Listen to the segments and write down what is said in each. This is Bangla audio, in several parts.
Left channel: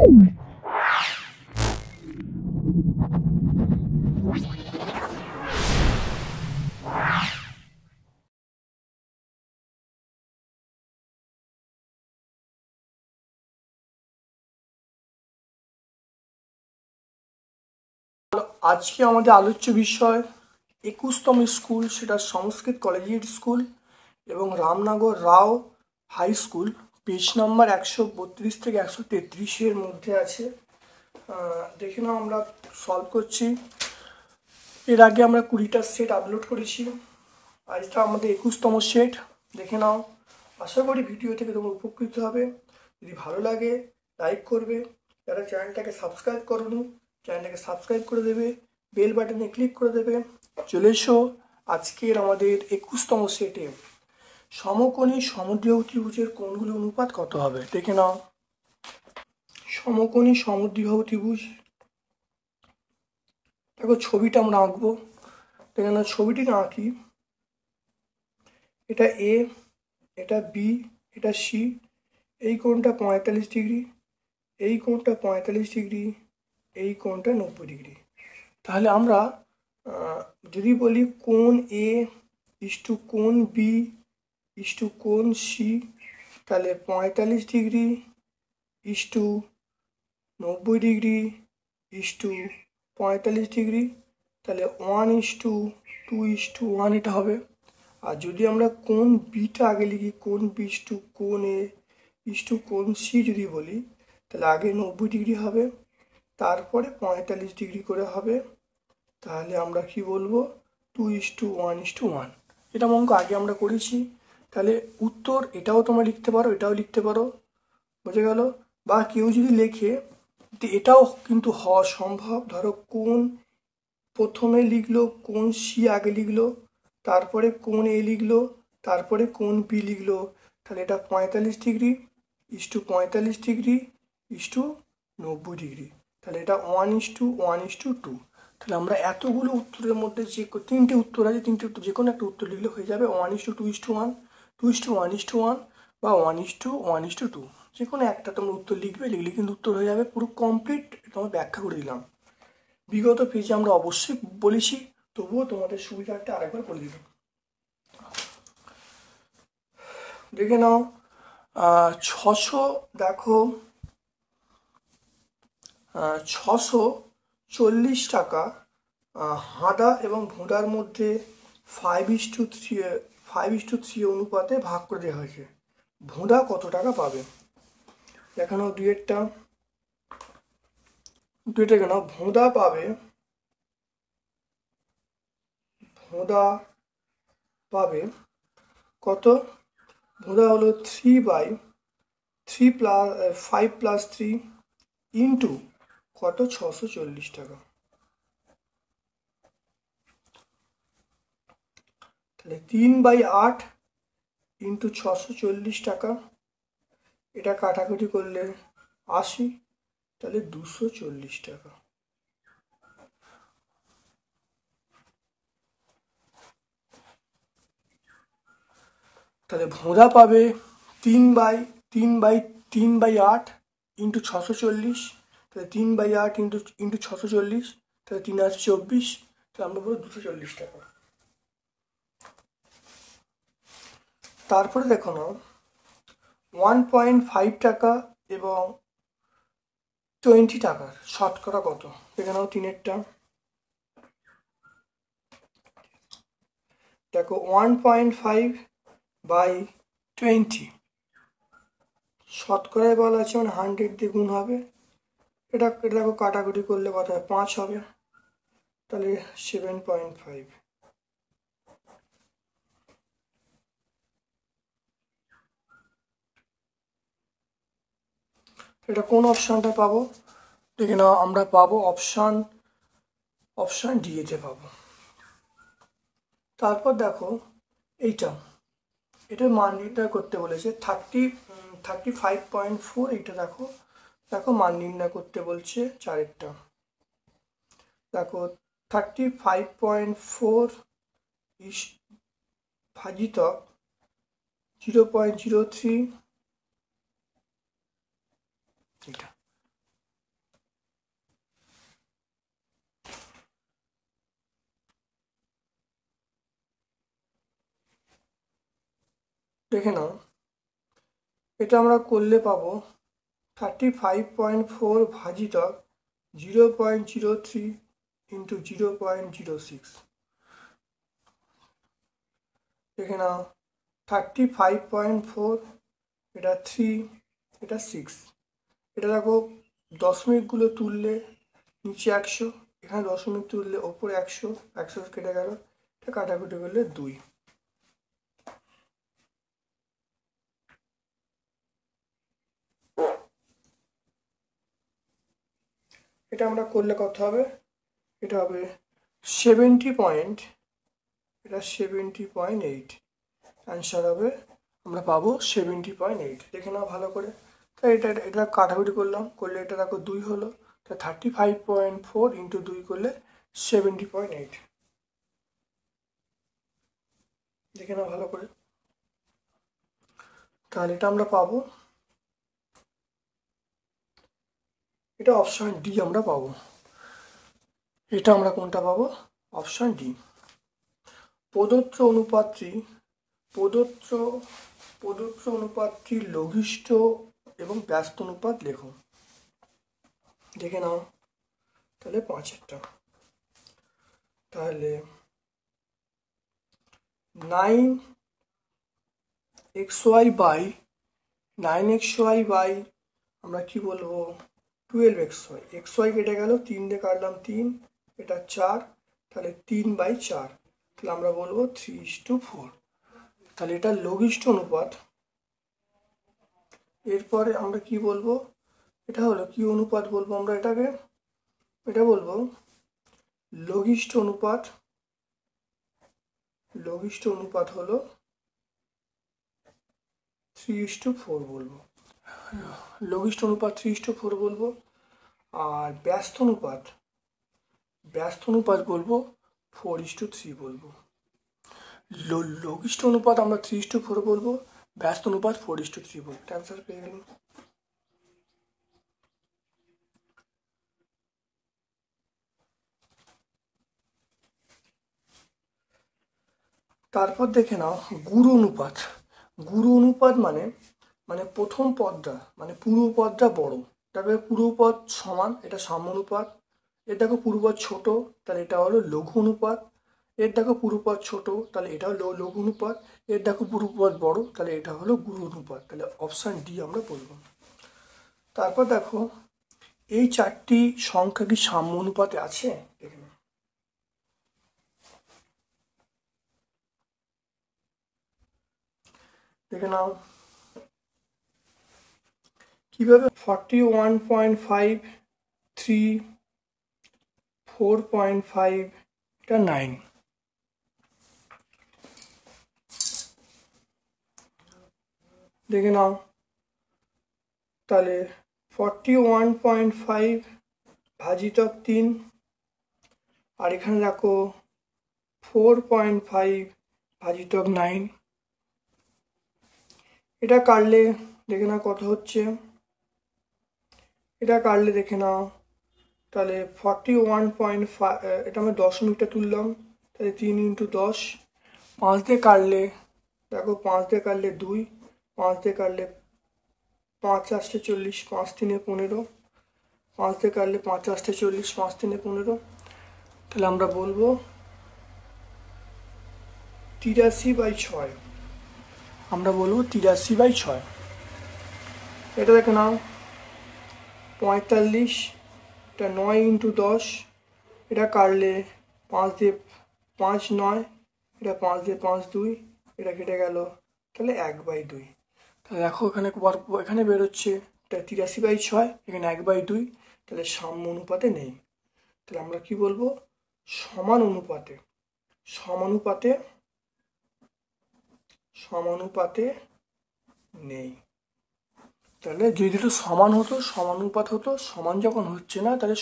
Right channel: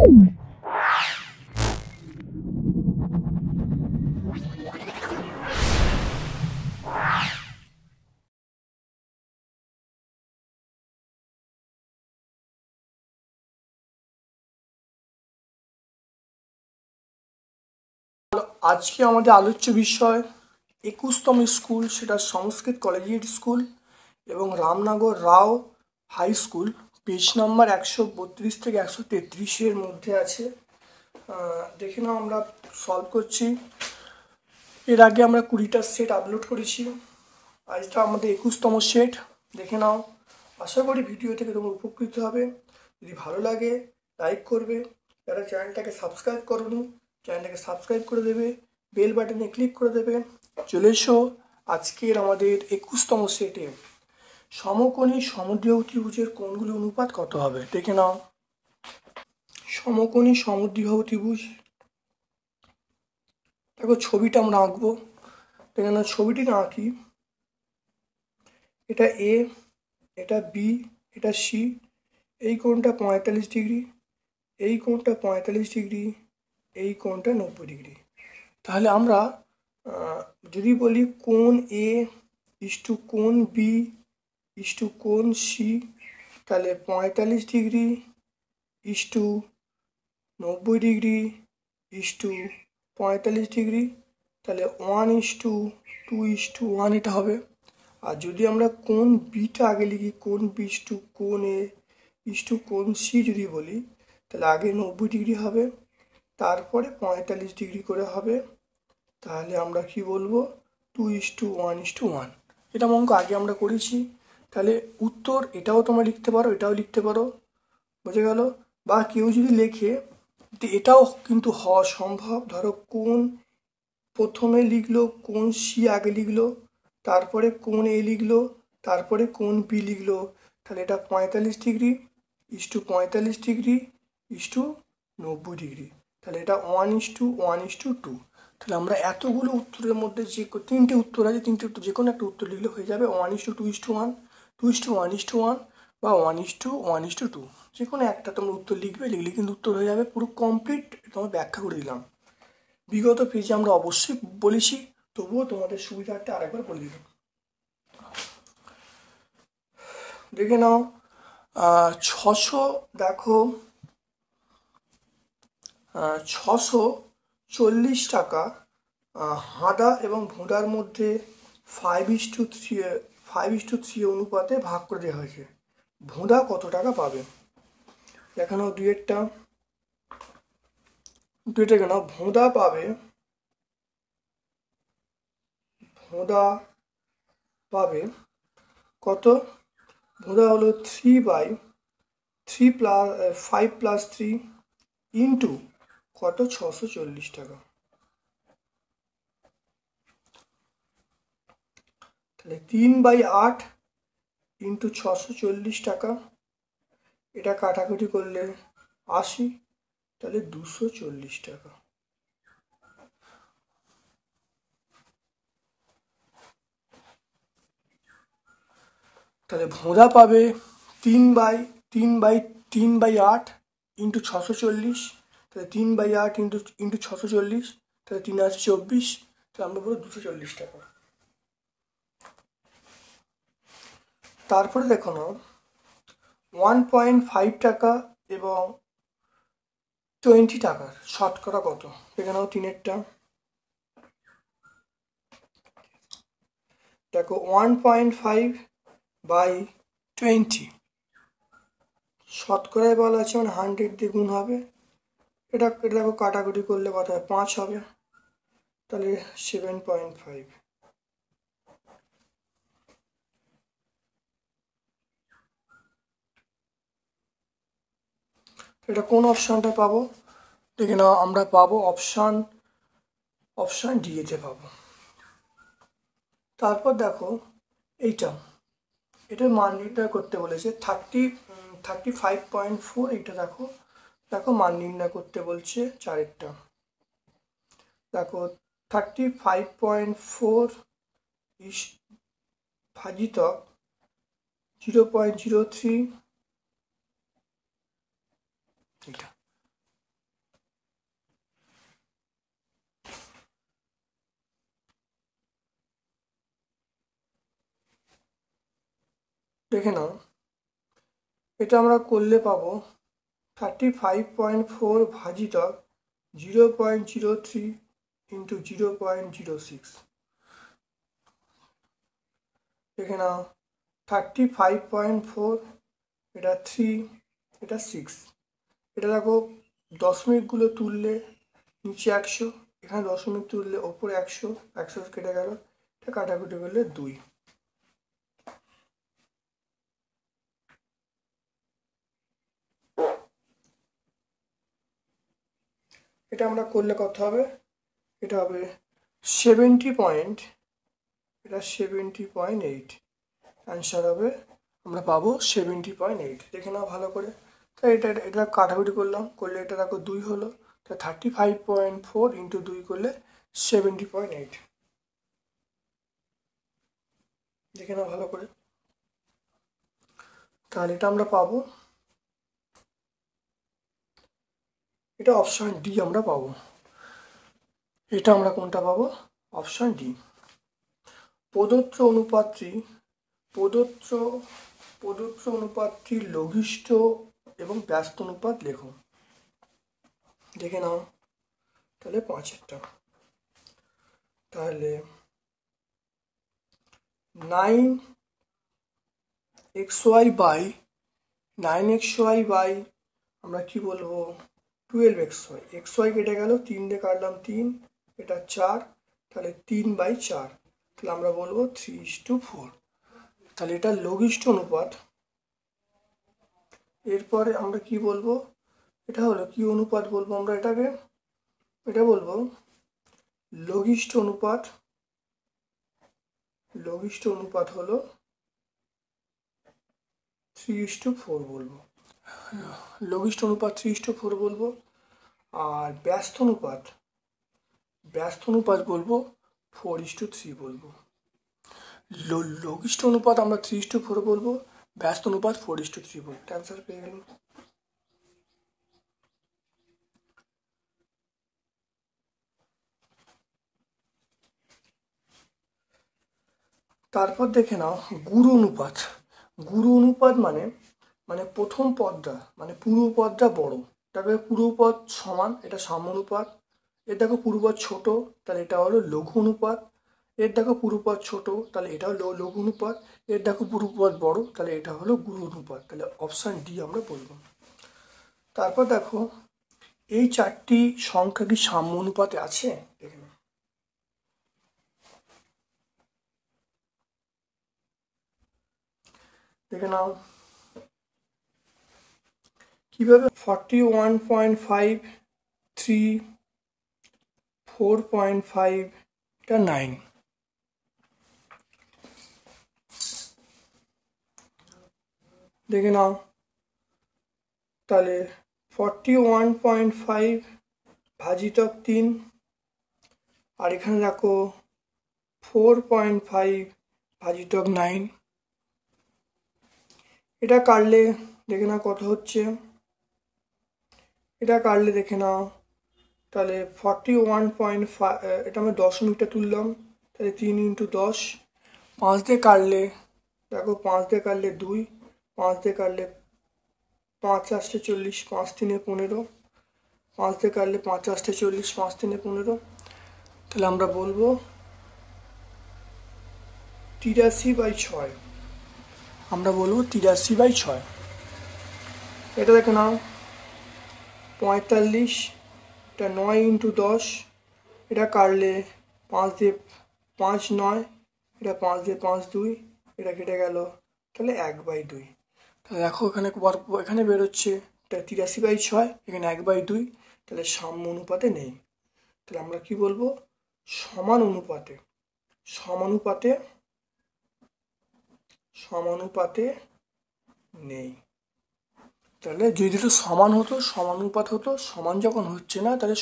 আজকে আমাদের আলোচ্য বিষয় 21তম স্কুল, সেটা সংস্কৃত কলেজিয়েট স্কুল এবং রামনগর রাও হাই স্কুল। পেজ নাম্বার 132 থেকে 133-এর মধ্যে আছে। দেখে নাও, আমরা সলভ করছি। এর আগে আমরা 20টা সেট আপলোড করেছি, আজটা আমাদের 21তম সেট। দেখে নাও, আশা করি ভিডিও থেকে তোমরা উপকৃত হবে। যদি ভালো লাগে লাইক করবে, যারা চ্যানেলটাকে সাবস্ক্রাইব করোনি চ্যানেলটাকে সাবস্ক্রাইব করে দেবে, বেল বাটনে ক্লিক করে দেবে। চলে এসো আজকের আমাদের 21তম সেটে। সমকোণী সমদ্বিবাহু ত্রিভুজের কোণগুলোর অনুপাত কত হবে? দেখে নাও, সমকোণী সমদ্বিবাহু ত্রিভুজ। দেখো ছবিটা আমরা আঁকবো। দেখে নাও, ছবিটি না আঁকি, এটা এ, এটা বি, এটা সি। এই কোণটা 45 ডিগ্রি, এই কোণটা 45 ডিগ্রি, এই কোণটা 90 ডিগ্রি। তাহলে আমরা যদি বলি কোণ এ ইস্টু কোণ বি ইস্টু কোণ সি, তাহলে 45 degree is to 90 degree is to 45 degree, তাহলে 1:2:1 এটা হবে। আর যদি আমরা কোণ বিটা আগে লিখি, কোণ বি ইস্টু কোণ এ ইস্টু কোণ সি যদি বলি, তাহলে আগে 90 ডিগ্রি হবে, তারপরে 45 ডিগ্রি করে হবে। তাহলে আমরা কি বলবো? 2:1:1। এটা অঙ্ক আগে আমরা করেছি। তাহলে উত্তর এটাও তোমরা লিখতে পারো, এটাও লিখতে পারো, বুঝে গেল? বা কেউ যদি লেখে, এটাও কিন্তু হওয়া সম্ভব। ধরো কোণ প্রথমে লিখলো, কোণ সি আগে লিখলো, তারপরে কোণ এ লিখলো, তারপরে কোণ বি লিখলো, তাহলে এটা 45 degree is to 45 degree is to 90 degree, তাহলে এটা 1:1:2। তাহলে আমরা এতগুলো উত্তরের মধ্যে যে 3টে উত্তর আছে, 3টে উত্তর যে কোনো একটা উত্তর লিখলে হয়ে যাবে 1:2:1, 2:1:1 বা 1:1:2। যে কোনো একটা তোমরা উত্তর লিখবে, লিখলে কিন্তু উত্তর হয়ে যাবে। পুরো কমপ্লিট তোমার ব্যাখ্যা করে দিলাম। বিগত পেজে আমরা অবশ্যই বলেছি, তবুও তোমাদের সুবিধার্থে আরেকবার বলে দিলাম। দেখে নাও, 600, দেখো 640 টাকা হাঁদা এবং ভোঁদার মধ্যে 5:3 অনুপাতে ভাগ করে দেওয়া হয়েছে। ভোঁদা কত টাকা পাবে? দেখানো দুয়েরটা কেন, ভোঁদা পাবে কত? ভোঁদা হলো 5+3 ইন্টু কত? 640 টাকা। তাহলে 3/8 ইন্টু 640 টাকা, এটা কাটাকুটি করলে 80, তাহলে 240 টাকা। তাহলে ভোঁদা পাবে 3/8 ইন্টু 640, তাহলে 3/8 ইন্টু 640, তাহলে 3 আছে 24, তাহলে আমরা বলবো 240 টাকা। তারপরে দেখো না, 1.5 টাকা এবং 20 টাকার শতকরা কত? এখানেও 3-এরটা দেখো, 1.5/20 শতকরায় বলা আছে, মানে 100 দিয়ে গুণ হবে। এটা দেখো কাটাকুটি করলে কত হয়? 5 হবে, তাহলে 7.5। এটা কোন অপশনটা পাবো? দেখে নাও, আমরা পাবো অপশন ডি তে পাবো। তারপর দেখো এটার মান নির্ণয় করতে বলেছে 35.4। এটা দেখো মান নির্ণয় করতে বলছে 4-এরটা। দেখো 35.4 ভাজিতক 0.03, এটা দেখে নাও, এটা আমরা করলে পাবো 35.4 ভাজিতক 0.03 ইন্টু 0.06। দেখে নাও 35.4, এটা 3, এটা 6। এটা দেখো দশমিকগুলো তুললে নিচে 100, এখানে দশমিক তুললে ওপরে 100, 100 কেটে গেল, এটা কাটাকুটি করলে 2। এটা আমরা করলে কত হবে? এটা হবে 70. এটা 70.8, অ্যান্সার হবে, আমরা পাবো 70.8। দেখে নাও ভালো করে। তাই এটা কাটাকুটি করলে এটা দেখো 2 হলো, তা 35.4 ইন্টু 2 করলে 70.8। দেখে নাও ভালো করে। তাহলে এটা আমরা পাবো, এটা অপশন ডি আমরা পাবো। এটা আমরা কোনটা পাবো? Option D. প্রদত্ত অনুপাতটির লঘিষ্ঠ এবং ব্যস্ত অনুপাত লেখো। দেখে নাও তাহলে 5-এরটা। তাহলে 9xy বাই আমরা কি বলবো 12xy, xy কেটে গেল, 3 দিয়ে কাটলাম 3, এটা 4, তাহলে 3/4, তাহলে আমরা বলবো 3:4। তাহলে এটা লঘিষ্ঠ অনুপাত। এরপরে আমরা কি বলবো? এটা হলো কি অনুপাত বলবো আমরা এটাকে? এটা বলবো লঘিষ্ঠ অনুপাত। লঘিষ্ঠ অনুপাত হলো 3:4 বলবো। লঘিষ্ঠ অনুপাত 3:4 বলবো। আর ব্যস্ত অনুপাত বলবো 4:3 বলবো। লঘিষ্ঠ অনুপাত আমরা 3:4 বলবো, ব্যস্ত অনুপাত 4:3 বলবো। অ্যান্সার পেয়ে গেলাম। তারপর দেখে নাও গুরু অনুপাত মানে প্রথম পদটা মানে পূর্বপদটা বড়, তবে পূর্বপদ সমান, এটা সাম্যানুপাত। এর দেখো পূর্বপদ ছোট, তাহলে এটা হলো লঘু অনুপাত। এর দেখো পূর্বপদ ছোট, তাহলে এটা হলো লঘু অনুপাত। এর দেখো পূর্বপদ বড়, তাহলে এটা হলো গুরু অনুপাত। তাহলে অপশন ডি আমরা বলবো। তারপর দেখো এই 4টি সংখ্যা কি সাম্য অনুপাতে আছে? দেখে নাও কিভাবে 41.5, 3, 4.5, এটা 9। দেখে নাও তাহলে 41.5 ভাজিতক 3, আর এখানে দেখো 4.5 ভাজিতক 9। এটা কাটলে দেখে নাও কত হচ্ছে। এটা কাটলে দেখে নাও তাহলে 41.5, এটা আমি দশমিকটা তুললাম, তাহলে 3 × 10। 5 দিয়ে কাটলে দেখো 5 দিয়ে কাটলে 2, 5 দিয়ে কাটলে 5 × 8 = 40, 5 × 3 = 15, 5 দিয়ে কাটলে 5 × 8 = 40, 5 × 3 = 15। তাহলে আমরা বলবো 83/6। আমরা বলবো 83/6। এটা দেখে নাও 45, এটা 9 × 10, এটা কাটলে 5 দিয়ে 5 9, এটা 5 দিয়ে 5 2, এটা কেটে গেল, তাহলে 1/2। তাহলে দেখো এখানে বেরোচ্ছে এটা 83/6, এখানে 1/2, তাহলে সাম্য অনুপাতে নেই। তাহলে আমরা কি বলবো? সমানুপাতে নেই। তাহলে যদি দুটো সমানুপাত হতো, সমান যখন হচ্ছে না তাহলে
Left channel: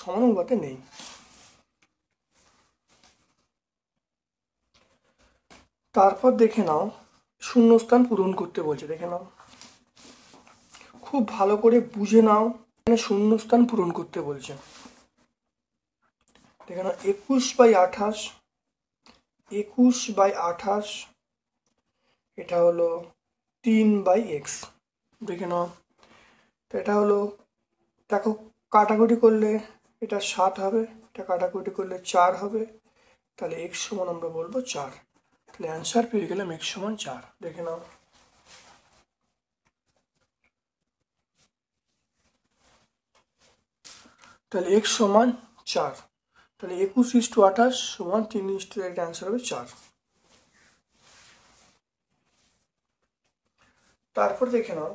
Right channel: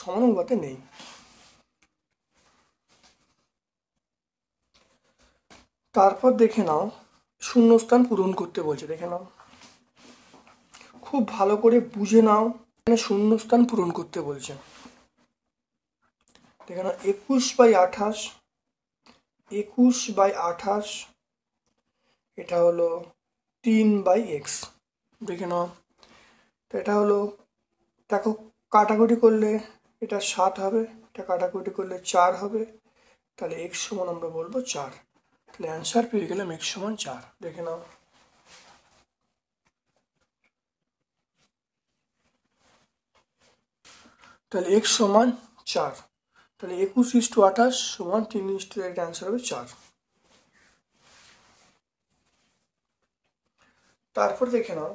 সমানুপাতে নেই। তারপর দেখে নাও শূন্যস্থান পূরণ করতে বলছে। দেখে নাও খুব ভালো করে বুঝে নাও, এখানে শূন্যস্থান পূরণ করতে বলছে। দেখে নাও 21/28, এটা হলো 3/x। দেখে নাও, তো এটা হলো, দেখো কাটাকুটি করলে এটা 7 হবে, এটা কাটাকুটি করলে 4 হবে, তাহলে x সমান আমরা বলবো 4। তাহলে অ্যান্সার পেয়ে গেলাম x সমান 4। দেখে নাও, তাহলে x সমান 4, তাহলে 21:28 সমান 3:1, অ্যান্সার হবে 4। তারপর দেখে নাও,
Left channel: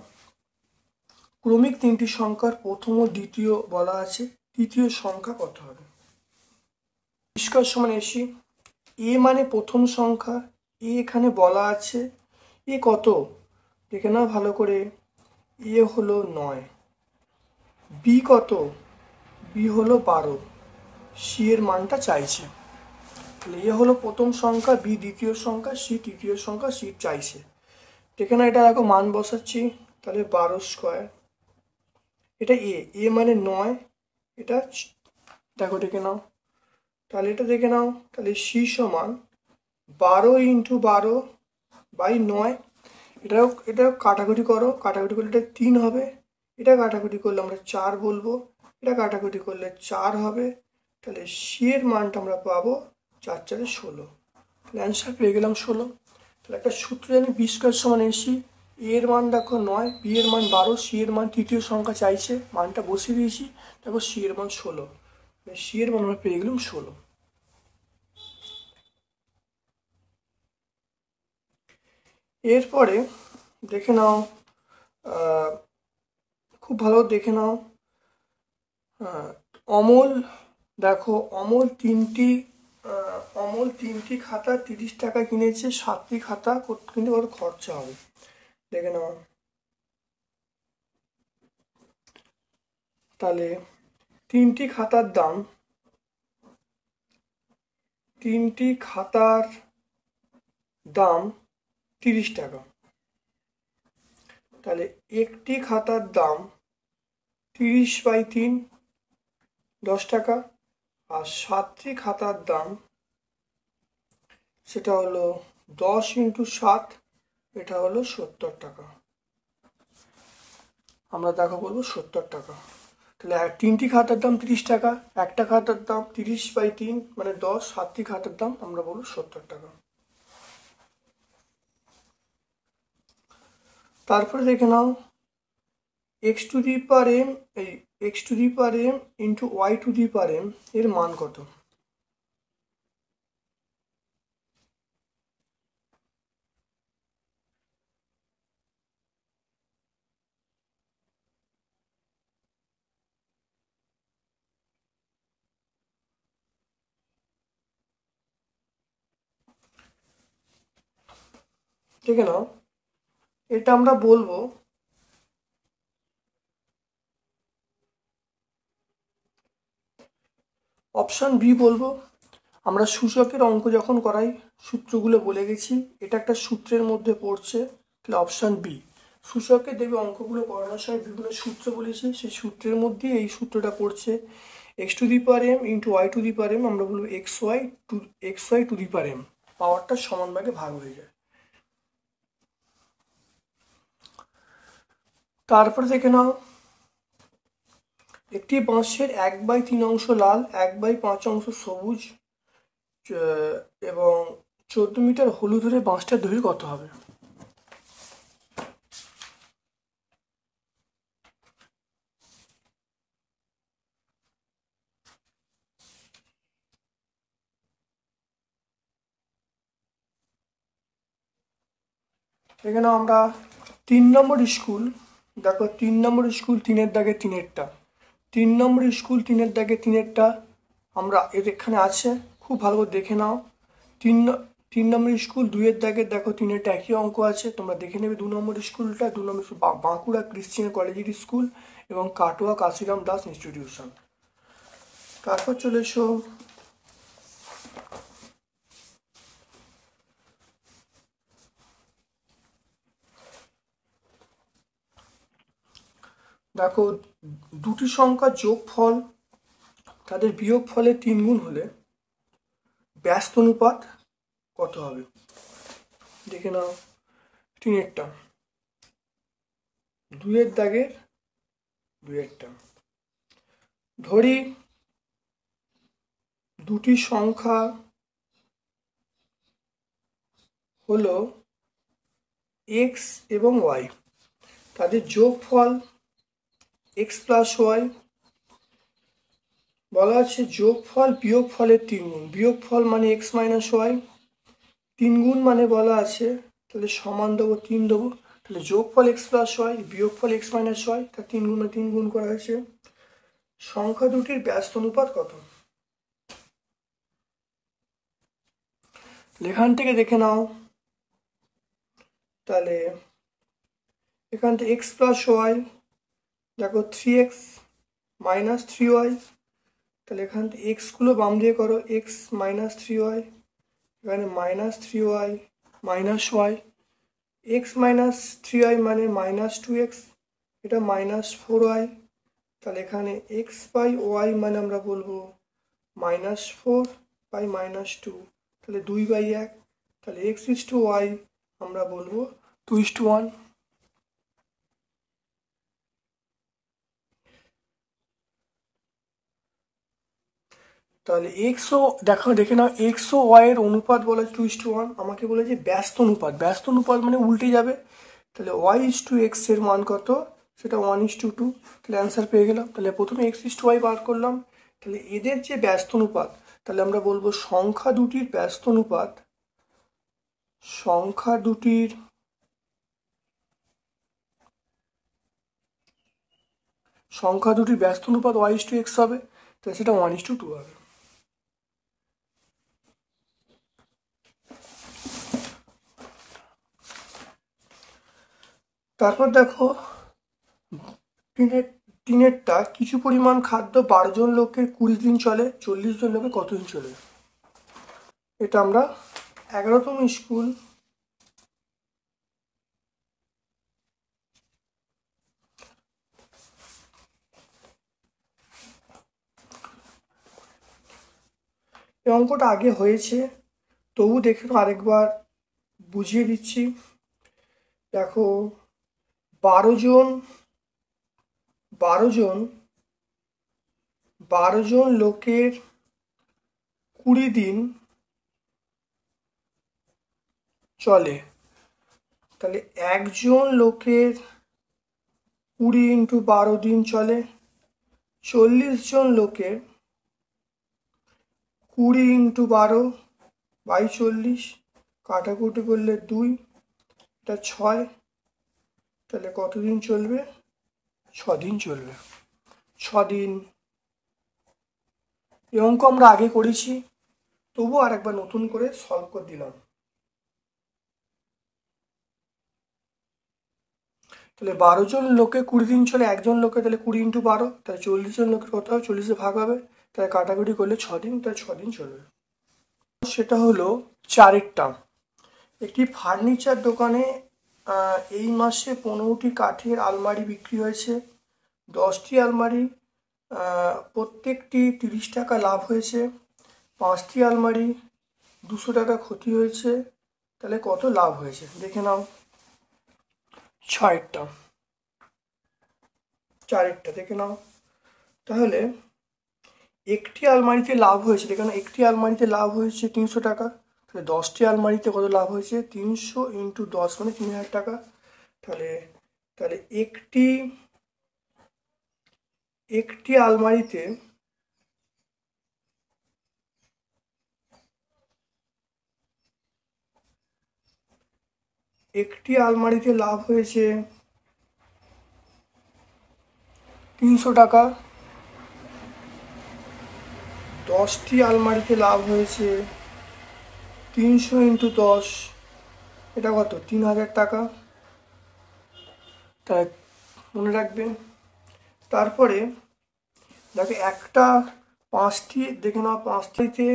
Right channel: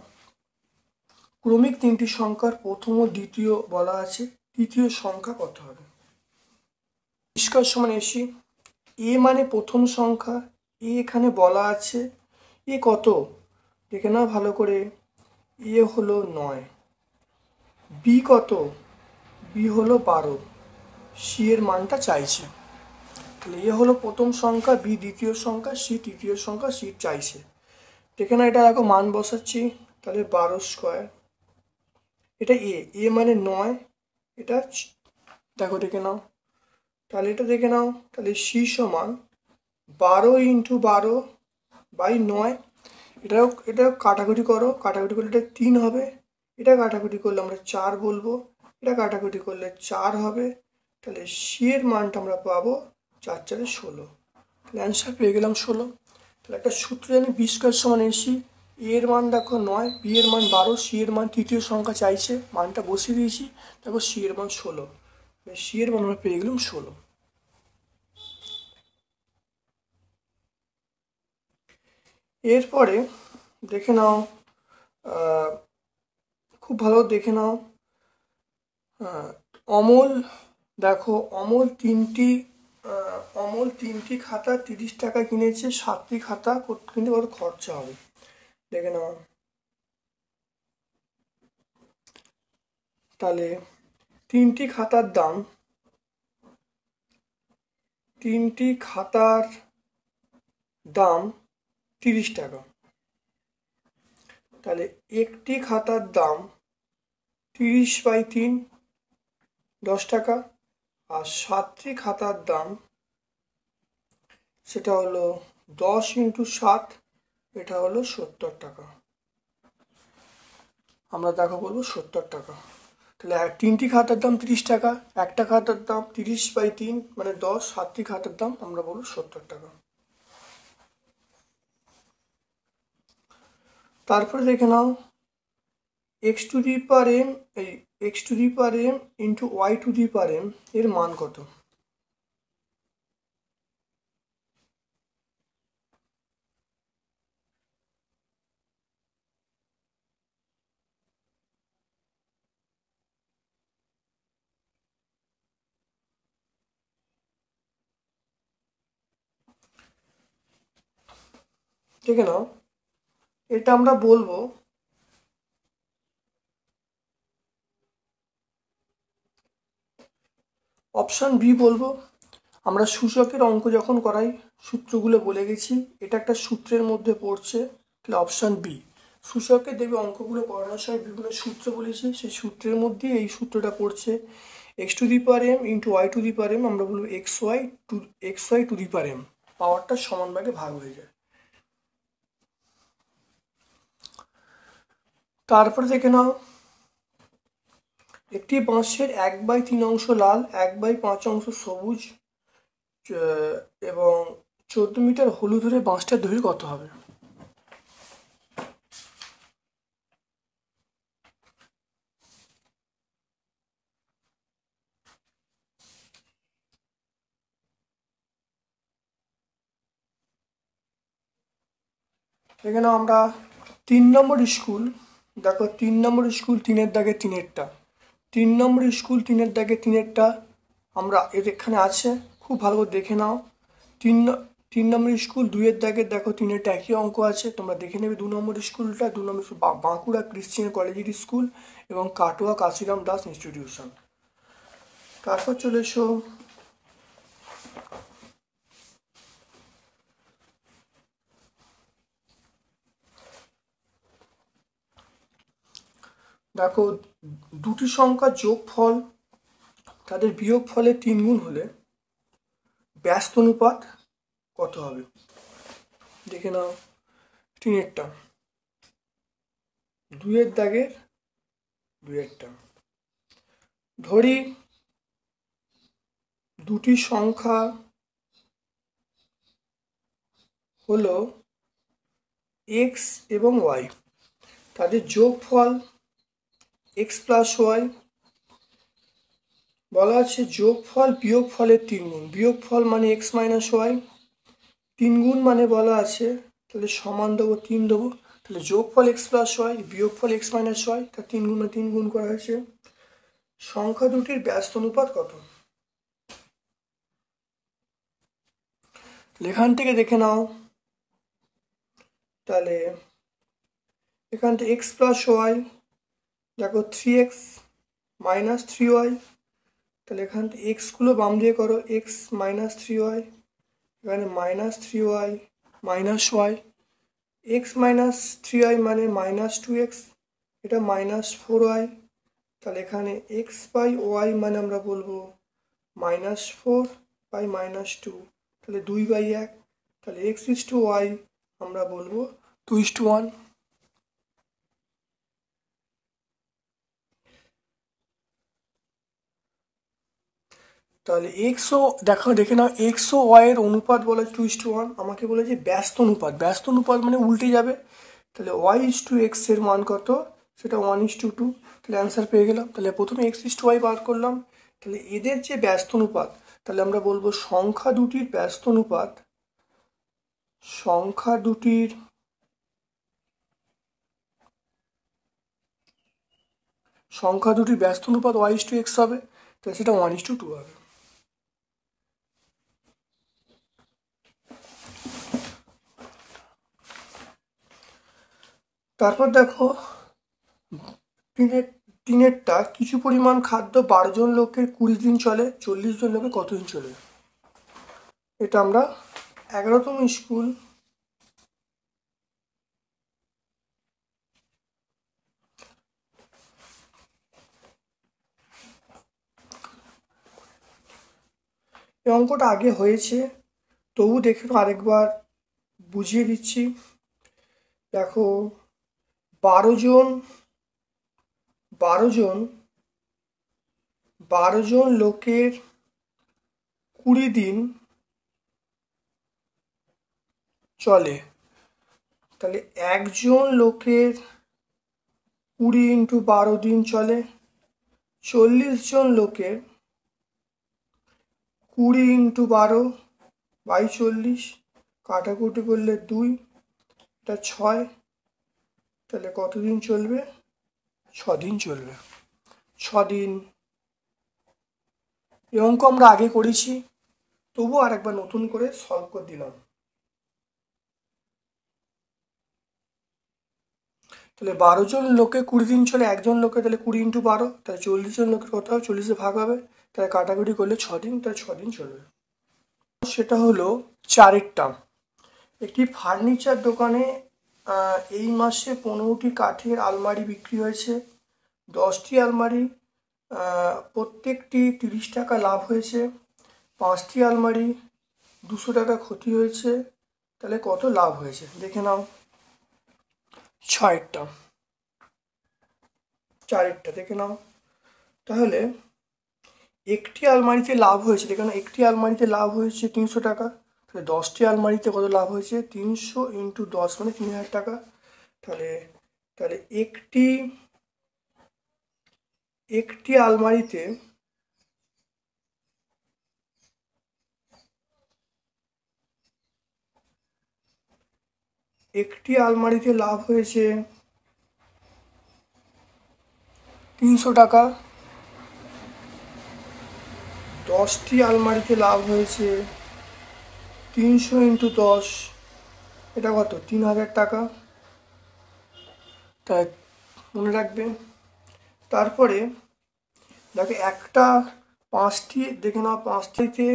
ক্রমিক তিনটি সংখ্যার প্রথম ও দ্বিতীয় বলা আছে, তৃতীয় সংখ্যা কত হবে? পরিষ্কার সমান এসি, এ মানে প্রথম সংখ্যা, এ এখানে বলা আছে, এ কত দেখে নাও ভালো করে, এ হলো 9, বি কত, বি হলো 12, সি এর মানটা চাইছে। তাহলে এ হলো প্রথম সংখ্যা, বি দ্বিতীয় সংখ্যা, সি তৃতীয় সংখ্যা, সি চাইছে। দেখে না, এটা দেখো মান বসাচ্ছি, তাহলে 12²। এটা এ মানে 9, এটা দেখো দেখে নাও, তাহলে এটা দেখে নাও, তাহলে সি সমান 12 × 12/9। এটা কাটাকুটি করো, কাটাকুটি করলে এটা 3 হবে, এটা কাটাকুটি করলে আমরা 4 বলবো, এটা কাটাকুটি করলে 4 হবে, তাহলে সি এর মানটা আমরা পাবো 4 × 4 = 16। অ্যান্সার পেয়ে গেলাম 16। তাহলে একটা সূত্র জানি, বি স্কয়ার সমান এসি, এর মান দেখো 9, বি এর মান 12, সি এর মান তৃতীয় সংখ্যা চাইছে, মানটা বসিয়ে দিয়েছি, দেখো সি এর মান 16, সি এর মান আমরা পেয়ে গেলাম 16। এরপরে দেখে নাও, খুব ভালো দেখে নাও, অমল, দেখো অমল তিনটি খাতা 30 টাকা কিনেছে, 7টি খাতা কিনতে কত খরচা হবে? দেখে নাও, তাহলে তিনটি খাতার দাম 30 টাকা, তাহলে একটি খাতার দাম 30/3 10 টাকা, আর 7টি খাতার দাম সেটা হলো 10 × 7, এটা হলো 70 টাকা। আমরা দেখো বলবো 70 টাকা। তাহলে তিনটি খাতার দাম 30 টাকা, একটা খাতার দাম 30/3 মানে 10, 7টি খাতার দাম আমরা বলবো 70 টাকা। তারপরে দেখে নাও, x⁴m × y⁴m এর মান কত? ঠিক না, এটা আমরা বলবো অপশন বি বলবো। আমরা সূচকের অঙ্ক যখন করাই সূত্রগুলো বলে গেছি, এটা একটা সূত্রের মধ্যে পড়ছে, তাহলে অপশন বি। সূচকে দেখবে অঙ্কগুলো করানোর সময় বিভিন্ন সূত্র বলেছে, সেই সূত্রের মধ্যে এই সূত্রটা পড়ছে, x⁴m × y⁴m আমরা বলবো xy⁴m, পাওয়ারটা সমান ভাগে ভাগ হয়ে যায়। তারপরে দেখে নাও, একটি বাঁশের 1/3 অংশ লাল, 1/5 অংশ সবুজ এবং 14 মিটার হলুদ হলে বাঁশটার দৈর্ঘ্য কত হবে? এখানে আমরা 3 নম্বর স্কুল, দেখো 3 নম্বর স্কুল 3-এর দাগে 3-এরটা, 3 নম্বর স্কুল 3-এর দাগে 3-এরটা আমরা এখানে আছে, খুব ভালো করে দেখে নাও। 3 নম্বর স্কুল 2-এর দাগে দেখো 3-এরটা একই অঙ্ক আছে, তোমরা দেখে নেবে। 2 নম্বর স্কুলটা, 2 নম্বর বাঁকুড়া ক্রিশ্চিয়ান কলেজিয়েট স্কুল এবং কাটোয়া কাশিরাম দাস ইনস্টিটিউশন। তারপর চলে এসো দেখো, দুটি সংখ্যার যোগফল তাদের বিয়োগফলে 3 গুণ হলে ব্যস্ত অনুপাত কত হবে? দেখে নাও, 3-এরটা, 2-এর দাগের 2-এরটা। ধরি দুটি সংখ্যা হলো x এবং y, তাদের যোগফল x প্লাস ওয়াই। বলা আছে যোগফল বিয়োগফলের 3 গুণ, বিয়োগফল মানে x মাইনাস ওয়াই, 3 গুণ মানে বলা আছে, তাহলে সমান দেবো 3 দেবো, তাহলে যোগফল x প্লাস ওয়াই বিয়োগফল x মাইনাস ওয়াই, তার 3 গুণ 3 গুণ করা হয়েছে। সংখ্যা দুটির ব্যস্ত অনুপাত কত? এখান থেকে দেখে নাও, তাহলে এখান থেকে x প্লাস ওয়াই দেখো 3x মাইনাস 3y, তাহলে এখান থেকে x গুলো বাম দিয়ে করো, x মাইনাস 3y, এখানে minus 3y minus y, x minus 3y মানে মাইনাস 2x, এটা মাইনাস 4y, তাহলে এখানে x বাই ওয়াই মানে আমরা বলবো মাইনাস 4 বাই মাইনাস 2, তাহলে 2/1, তাহলে x ইস টু ওয়াই আমরা বলবো 2:1। তাহলে এক্স ও দেখে নাও, এক্স ও ওয়াই এর অনুপাত বলেছে 2:1, আমাকে বলেছে ব্যস্ত অনুপাত, ব্যস্ত অনুপাত মানে উল্টে যাবে, তাহলে ওয়াই ইস টু এক্স এর মান কত, সেটা 1:2, তাহলে অ্যান্সার পেয়ে গেলাম। তাহলে প্রথমে x is to y bar করলাম, তাহলে এদের যে ব্যস্ত অনুপাত, তাহলে আমরা বলবো সংখ্যা দুটির ব্যস্ত অনুপাত, সংখ্যা দুটির ব্যস্ত অনুপাত ওয়াই ইস টু এক্স হবে, তাহলে সেটা 1:2 হবে। তারপর দেখো 3-এরটা, কিছু পরিমাণ খাদ্য 12 জন লোকের 20 দিন চলে, 40 জন লোকের কতদিন চলে? এটা আমরা 11তম স্কুল এই অঙ্কটা আগে হয়েছে, তবু দেখে আরেকবার বুঝিয়ে দিচ্ছি। দেখো 12 জন লোকের 20 দিন চলে, তাহলে একজন লোকের 20 ইন্টু 12 দিন চলে, 40 জন লোকের 20 ইন্টু 12 বাই 40, কাটাকুটি করলে 2, এটা 6, তাহলে কতদিন চলবে? 6 দিন চলবে, 6 দিন। এই অঙ্ক আমরা আগে করেছি, তবু আর একবার নতুন করে সলভ করে দিলাম। তাহলে 12 জন লোকে 20 দিন চলে, একজন লোকে তাহলে 20 ইন্টু 12, তাহলে 40 জন লোকের কথা 40-এ ভাগ হবে, তাহলে কাটাকুটি করলে 6 দিন, তাহলে 6 দিন চলবে। সেটা হলো 4-এরটা, একটি ফার্নিচার দোকানে এই মাসে 15টি কাঠের আলমারি বিক্রি হয়েছে, 10টি আলমারি প্রত্যেকটি 30 টাকা লাভ হয়েছে, 5টি আলমারি 200 টাকা ক্ষতি হয়েছে, তাহলে কত লাভ হয়েছে দেখে নাও। 4-এরটা দেখে নাও, তাহলে একটি আলমারিতে লাভ হয়েছে, দেখে নাও একটি আলমারিতে লাভ হয়েছে 300 টাকা, তাহলে 10টি আলমারিতে কত লাভ হয়েছে? 300 ইন্টু 10 মানে 3000 টাকা, তাহলে একটি আলমারিতে লাভ হয়েছে 300 টাকা, 10টি আলমারিতে লাভ হয়েছে 300 ইন্টু 10, এটা কত? 3000 টাকা, তাই মনে রাখবেন। তারপরে দেখো একটা 5টি দেখে নাও, 5টিতে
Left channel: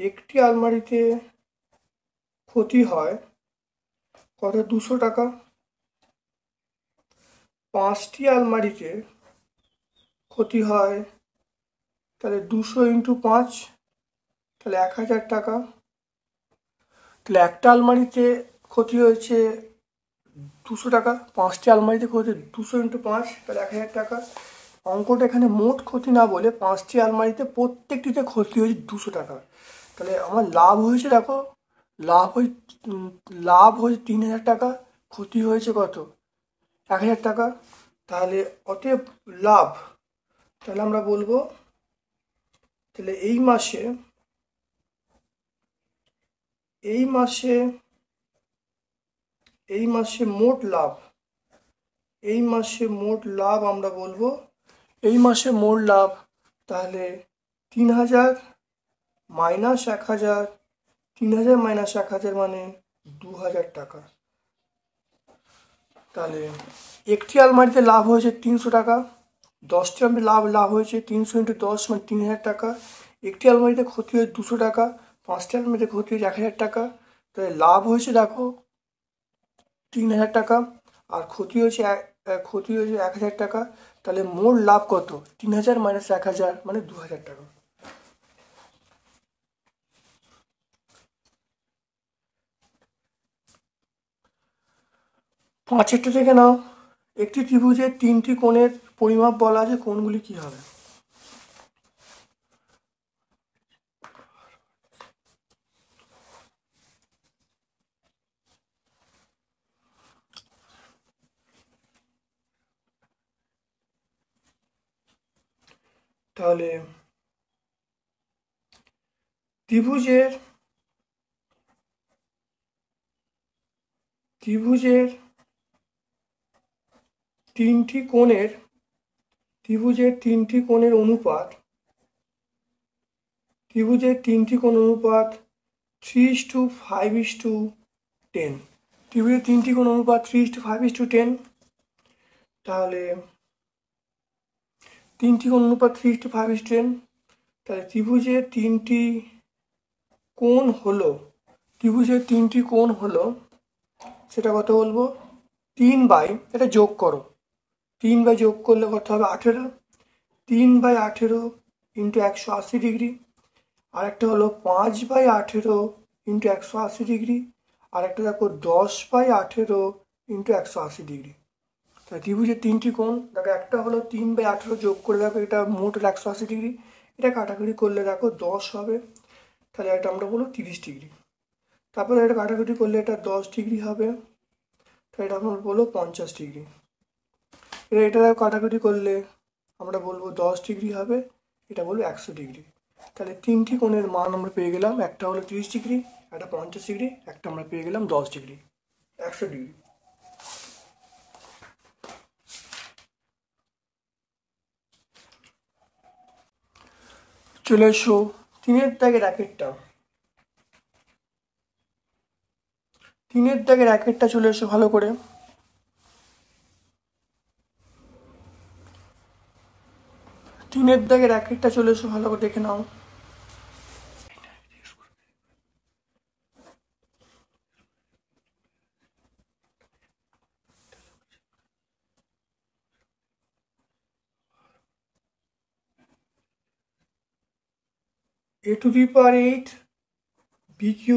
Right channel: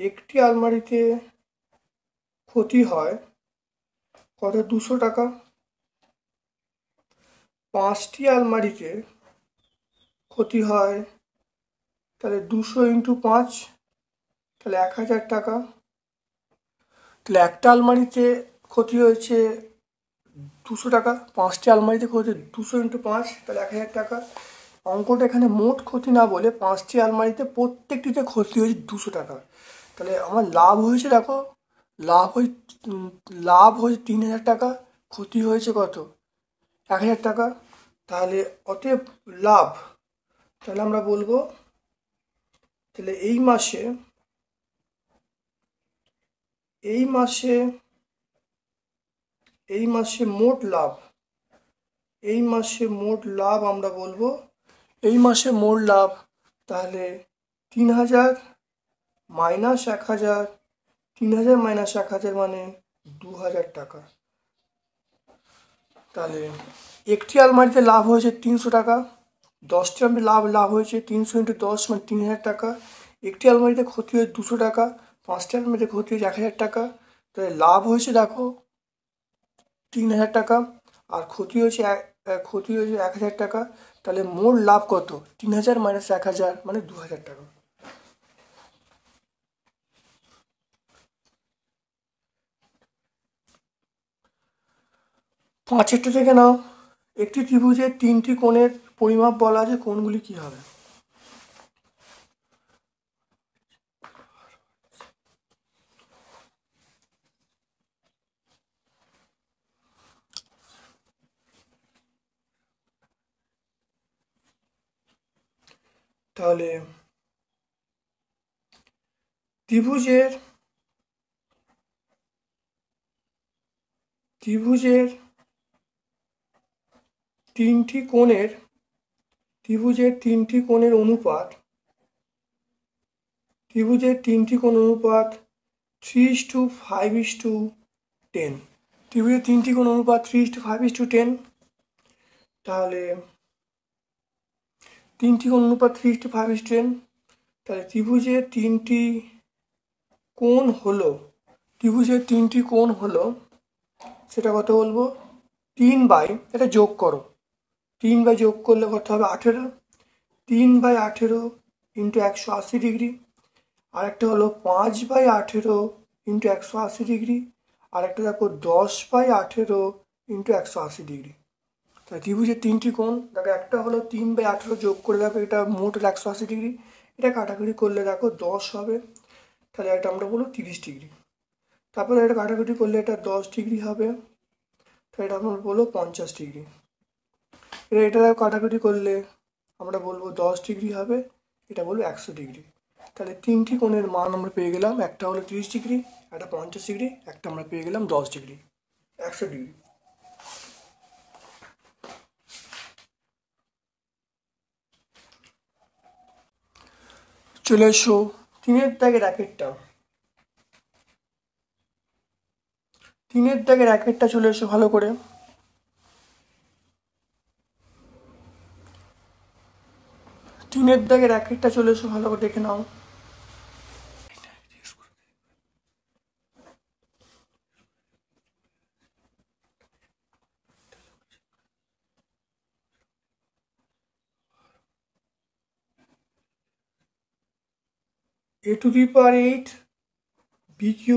একটি আলমারিতে ক্ষতি হয় কত? 200 টাকা, 5টি আলমারিতে ক্ষতি হয়, তাহলে 200 ইন্টু 5, তাহলে 1000 টাকা, তাহলে একটা আলমারিতে ক্ষতি হয়েছে 200 টাকা, 5টি আলমারিতে ক্ষতি 200 × 5, তাহলে 1000 টাকা। অঙ্কটা এখানে মোট ক্ষতি না বলে 5টি আলমারিতে প্রত্যেকটিতে ক্ষতি হয়েছে 200 টাকা। তাহলে আমার লাভ হয়েছে, দেখো লাভ হয়েছে 3000 টাকা, ক্ষতি হয়েছে কত 1000 টাকা। তাহলে অতএব লাভ, তাহলে আমরা বলবো তাহলে এই মাসে মোট লাভ, আমরা বলবো এই মাসে মোট লাভ তাহলে 3000 মাইনাস 1000, 3000 মাইনাস 1000 মানে 2000 টাকা। তাহলে একটি আলমারিতে লাভ হয়েছে 300 টাকা, 10টি আলমারিতে লাভ হয়েছে 300 × 10 মানে 3000 টাকা। একটি আলমারিতে ক্ষতি হয়েছে 200 টাকা, 5টি আলমারিতে ক্ষতি হয়েছে 1000 টাকা। তাহলে লাভ হয়েছে দেখো 3000 টাকা, আর ক্ষতি হয়েছে 1000 টাকা। তাহলে মোট লাভ কত 3000 মাইনাস 1000 মানে 2000 টাকা। পাঁচেরটা থেকে নাও, একটি ত্রিভুজের 3টি কোণের পরিমাপ বলা আছে, কোণগুলি কি হবে? তাহলে ত্রিভুজের 3টি কোণের অনুপাত 3:5:10। ত্রিভুজের 3টি কোণ অনুপাত 3:5:10। তাহলে 3টি কোণ অনুপাত 3:5:10, তাহলে ত্রিভুজের 3টি কোণ হলো সেটা কত বলবো 3 এটা যোগ করো, 3 যোগ করলে কত হবে 18, 3/18 × 180 ডিগ্রি। আরেকটা হলো 5/18 × 180 ডিগ্রি। আরেকটা দেখো 10/18 × 180 ডিগ্রি। তাহলে ত্রিভুজের 3টি কোণ, দেখো একটা হলো 3/18 যোগ করে দেখো এটা মোট 180 ডিগ্রি, এটা কাটাকুটি করলে দেখো 10 হবে, তাহলে এটা আমরা বলবো 30 ডিগ্রি। তারপরে এটা কাটাকুটি করলে এটা 10 ডিগ্রি হবে, তাহলে এটা আমরা বলবো 50 ডিগ্রি। এটা কাটাকুটি করলে আমরা বলবো 10 ডিগ্রি হবে, এটা বলবো 100 ডিগ্রি। তাহলে 3টি কোণের মান আমরা পেয়ে গেলাম, একটা হলো 30 ডিগ্রি, একটা 50 ডিগ্রি, একটা আমরা পেয়ে গেলাম 10 ডিগ্রি, 100 ডিগ্রি। চলে এসো 3-এর দাগের র্যাকেটটা চলে এসো ভালো করে। চলে এসো ভালো করে দেখে নাও। a⁸ b³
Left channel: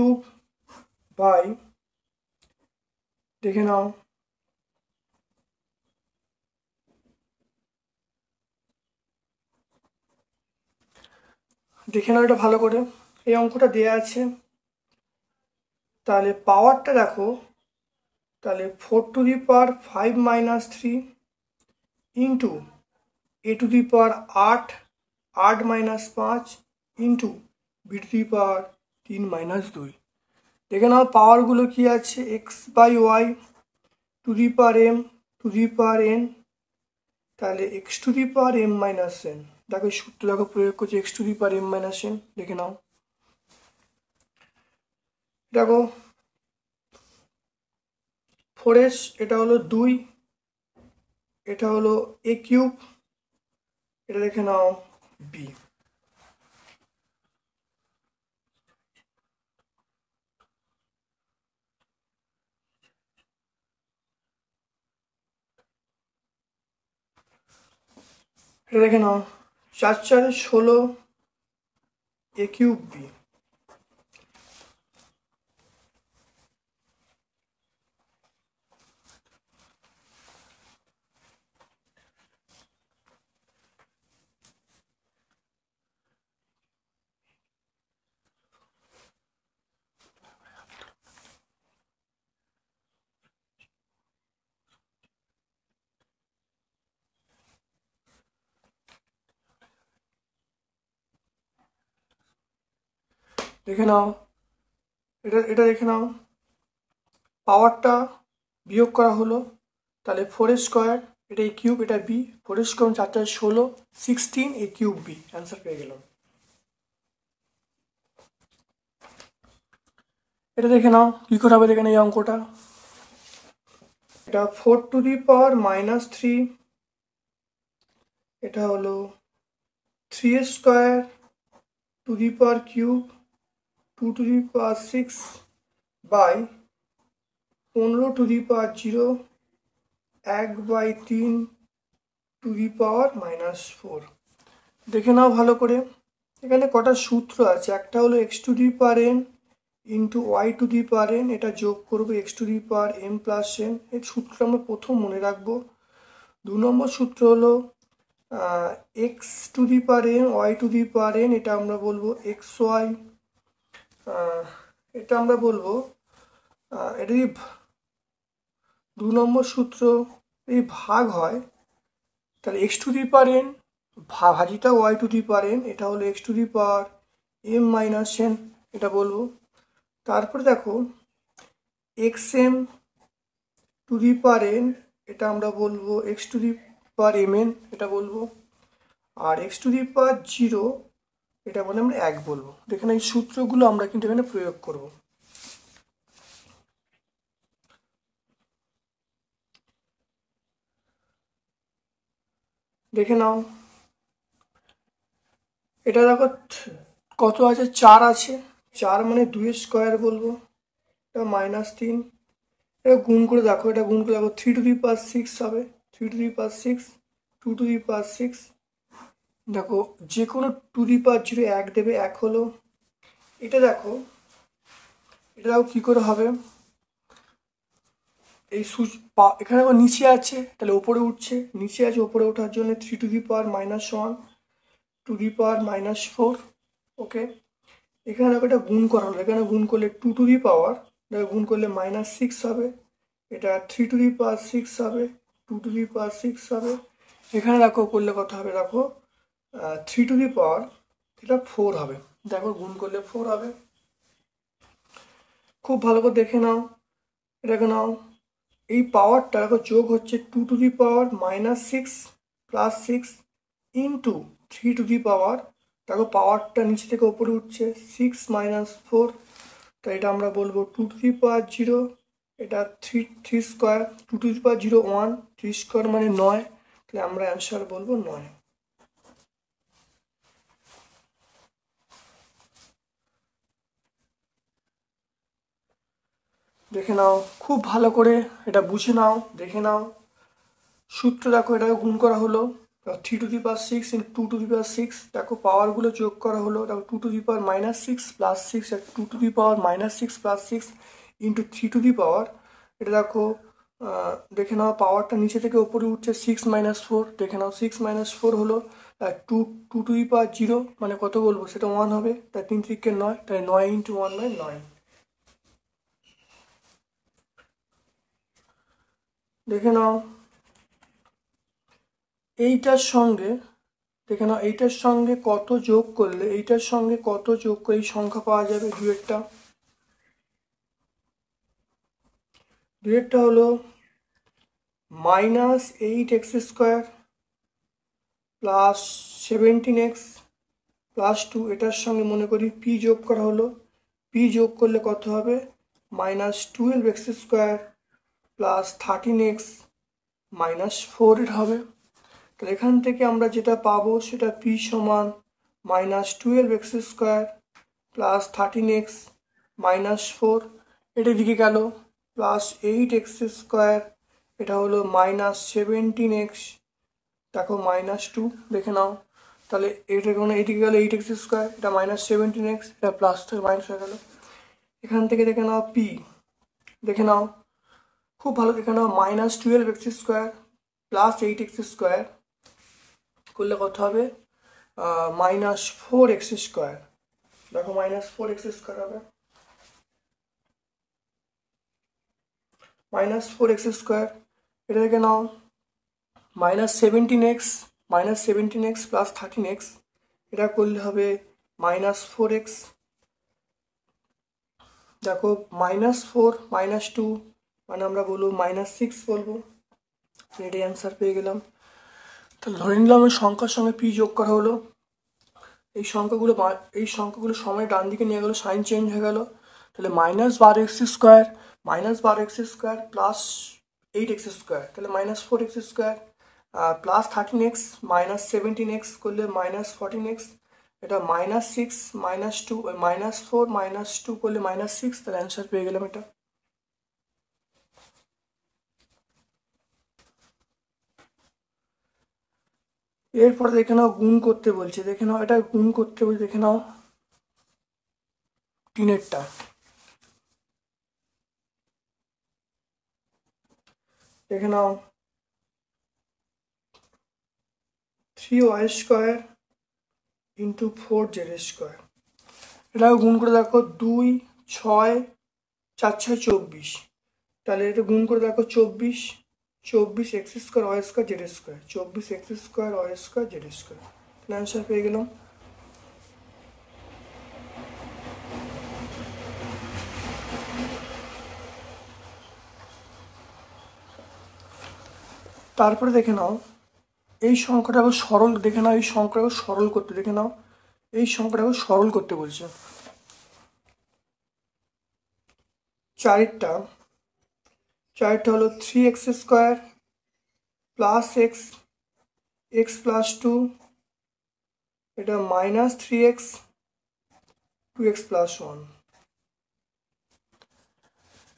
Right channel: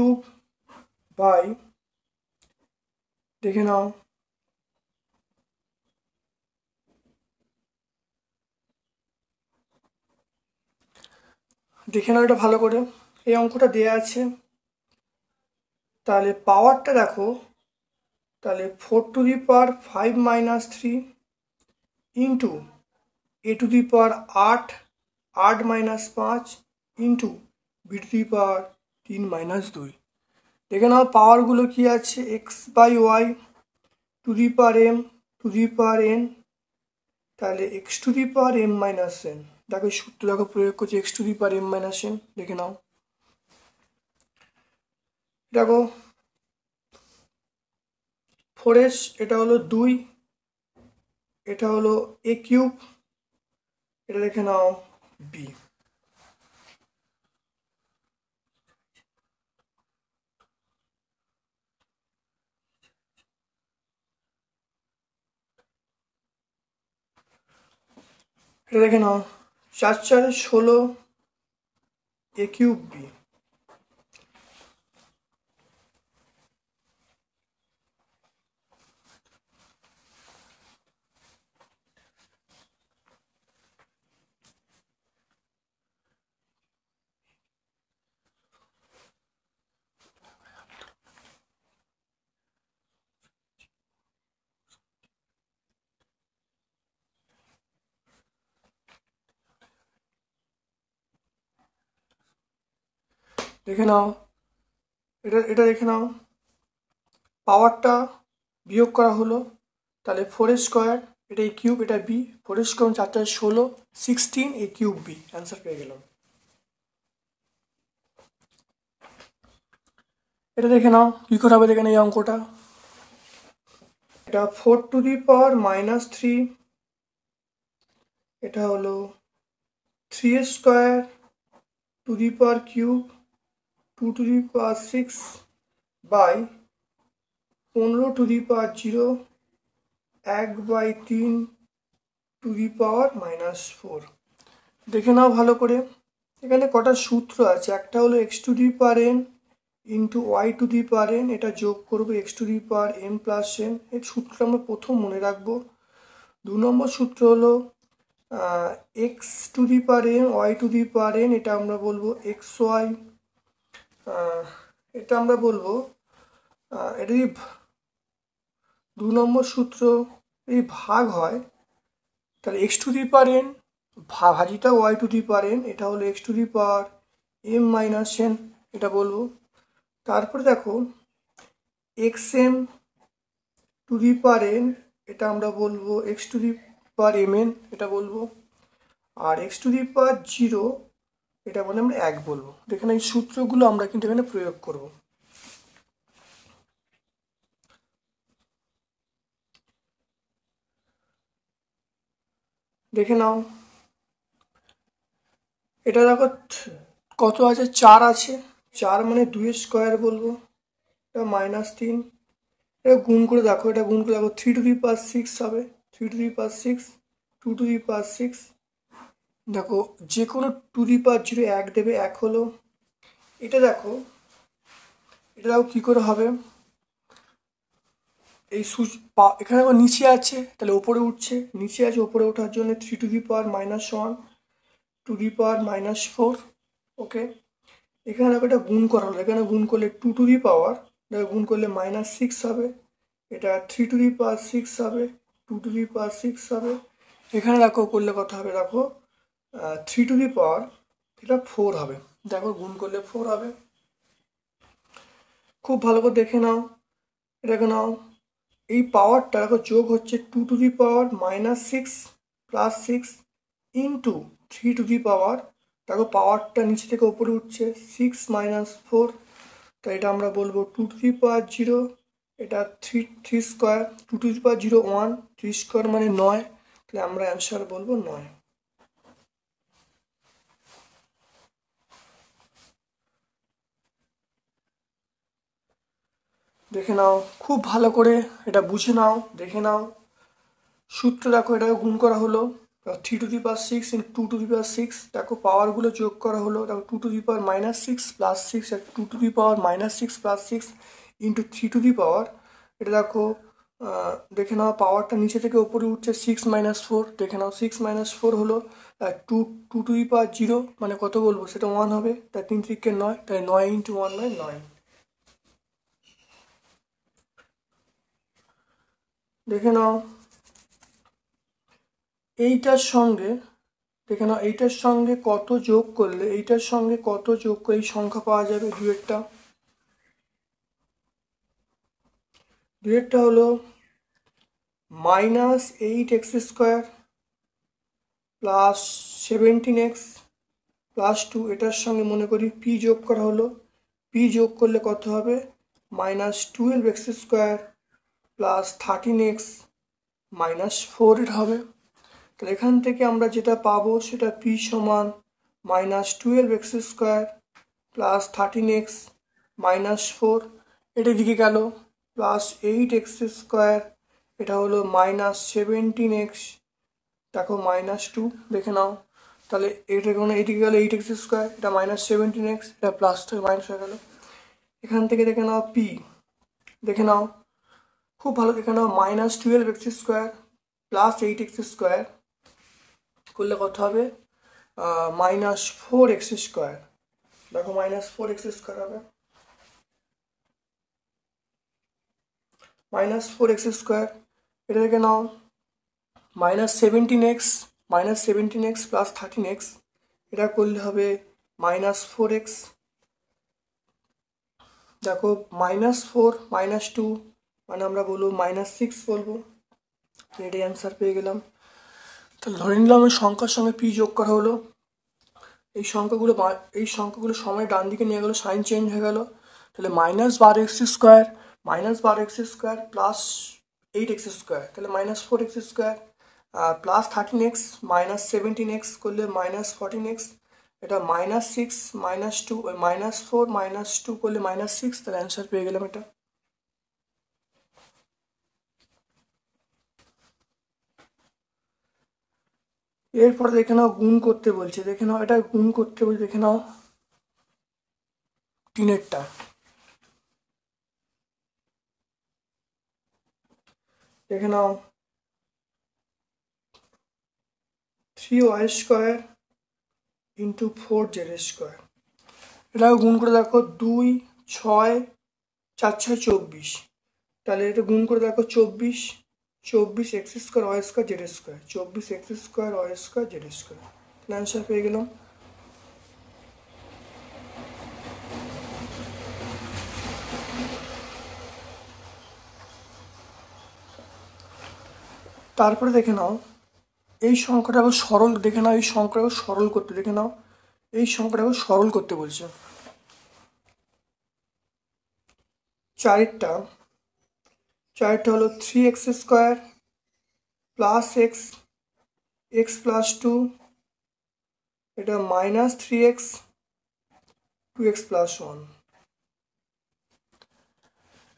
দেখে নাও, এটা ভালো করে। এই অঙ্কটা দেয়া আছে, তাহলে পাওয়ারটা দেখো, তাহলে 4⁵ - 3 ইন্টু a⁸ 8 - 5 ইন্টু b⁵ 3 - 2। দেখে নাও পাওয়ারগুলো কি আছে, x/y m⁴n, তাহলে x⁴m-n। দেখো সূত্র দেখো প্রয়োগ করছি x⁴m-n, দেখে নাও। দেখো 4s এটা হলো 2, এটা হলো a³, এটা দেখে নাও b। এটা দেখে নাও 4×4 = a³ b। দেখে নাও, এটা দেখে নাও, পাওয়ারটা বিয়োগ করা হলো, তাহলে 4 স্কোয়ার, এটা এই কিউব, এটা বি, 4 স্কোয়ার 4 16, 16 এই কিউব বি, অ্যান্সার পেয়ে গেলাম। এটা দেখে নাও কি করে হবে, দেখে নাও এই অঙ্কটা। এটা 4⁻³ এটা হলো 3² to the power 6 by 15⁻0 1/3 to the power -4। দেখে নাও ভালো করে, এখানে কটা সূত্র আছে, একটা হলো x⁴n ইন্টু y⁴n, এটা যোগ করবো x⁴m+n, এই সূত্রটা আমরা প্রথম মনে রাখবো। 2 নম্বর সূত্র হলো x⁴m y⁴n, এটা আমরা বলবো xy, এটা আমরা বলবো এটা 2 নম্বর সূত্র এই ভাগ হয়, তাহলে x⁴n ভাজিটা y⁴n, এটা হলো x⁴m−n, এটা বলবো। তারপরে দেখো xm⁴n, এটা আমরা বলবো x⁴mn, এটা বলবো। আর x⁴0 এটা মানে আমরা 1 বলবো। এখানে এই সূত্রগুলো আমরা কিন্তু এখানে প্রয়োগ করব। দেখে নাও, এটা দেখো কত আছে, 4 আছে, 4 মানে 2 স্কোয়ার বলবো, এটা -3, এটা গুণ করে দেখো, এটা গুণ করে দেখো 3⁶ হবে, 3⁶, 2⁶, দেখো যে কোনো 2⁵ 1 দেবে, 1 হলো। এটা দেখো কি করে হবে, এই এখানে আমার নিচে আছে, তাহলে উপরে উঠছে, নিচে আছে উপরে ওঠার জন্য 3⁻−1 2⁻−4, ওকে। এখানে এটা গুণ করা হলো, এখানে গুণ করলে 2⁻, এটা গুণ করলে -6 হবে, এটা 3⁶ হবে, 2⁶ হবে। এখানে দেখো করলে কত হবে, দেখো 3⁻, এটা 4 হবে, দেখো গুণ করলে 4 হবে। খুব ভালো করে দেখে নাও, এটাকে নাও, এই পাওয়ারটা দেখো যোগ হচ্ছে 2⁻−6 + 6 ইন্টু 3⁻, দেখো পাওয়ারটা নিচে থেকে উপরে উঠছে 6 - 4, তাই এটা আমরা বলবো 2⁻0, এটা 3 স্কোয়ার, 2⁻0 1, 3 স্কোয়ার মানে 9, তাহলে আমরা অ্যান্সার বলবো 9। দেখে নাও খুব ভালো করে, এটা বুঝে নাও, দেখে নাও সূত্র, দেখো এটাকে গুণ করা হলো 3⁻6 × 2⁻6, দেখো পাওয়ারগুলো যোগ করা হলো, দেখো 2⁻−6 + 6 আর 2⁻−6 + 6 ইন্টু 3⁻, এটা দেখো দেখে নাও পাওয়ারটা নিচে থেকে উপরে উঠছে 6 - 4, দেখে নাও 6 - 4 হলো, 2⁻0 মানে কত বলবো, সেটা 1 হবে, তাই 3 × 3 = 9, তাই 9 × 1 মানে 9। দেখে নাও এইটার সঙ্গে, দেখে নাও এইটার সঙ্গে কত যোগ করলে, এইটার সঙ্গে কত যোগ করে এই সংখ্যা পাওয়া যাবে, দুয়েরটা হলো -8x² + 17x + 2, এটার সঙ্গে মনে করি পি যোগ করা হলো, পি যোগ করলে কত হবে, -12x² + 13x -4 এর হবে। তাহলে এখান থেকে আমরা যেটা পাবো সেটা পি সমান -12x² + 13x -4, এটা দিকে গেল, +8x², এটা হলো -17x, দেখো -2, দেখে নাও, তাহলে এটা মানে এইদিকে গেল 8x², এটা -17x, এটা প্লাস থেকে মাইনাস হয়ে গেল। এখান থেকে দেখে নাও পি, দেখে নাও খুব ভালো, দেখে নাও -12x² + 8x² করলে কত হবে, -4x², দেখো -4x² হবে, -4x², এটা দেখে নাও -17x + 13x, এটা করলে হবে -4x, দেখো -4 -2 মানে আমরা বলবো -6 বলবো। এটাই অ্যান্সার পেয়ে গেলাম। তাহলে ধরে নিলাম সংখ্যার সঙ্গে পি যোগ করা হলো, এই সংখ্যাগুলো সময় ডান দিকে নিয়ে গেলো, সাইন চেঞ্জ হয়ে গেল। তাহলে -12x² -12x² plus 8x square, তাহলে -4x², আর প্লাস 13x -17x করলে -14x, এটা -6 -2 -4 -2 করলে -6, তাহলে অ্যান্সার পেয়ে গেলাম এটা। এরপরে দেখে নাও গুণ করতে বলছে, দেখে নাও এটা গুণ করতে বলছে, দেখে নাও 3-এরটা, দেখে নাও 3y² ইন্টু 4z², এটা গুণ করে দেখো 2 6 4 6 24, তাহলে এটা গুণ করে দেখো 24x² y² z², 24x² y² z², answer পেয়ে গেলাম। তারপরে দেখে নাও এই সংখ্যাটাকে সরল, দেখে নাও এই সংখ্যাটাকে সরল করতে, দেখে নাও এই সংখ্যাটাকে সরল করতে বলছে। চারটা হলো 3x² প্লাস x প্লাস 2, এটা -3x 2x প্লাস 1,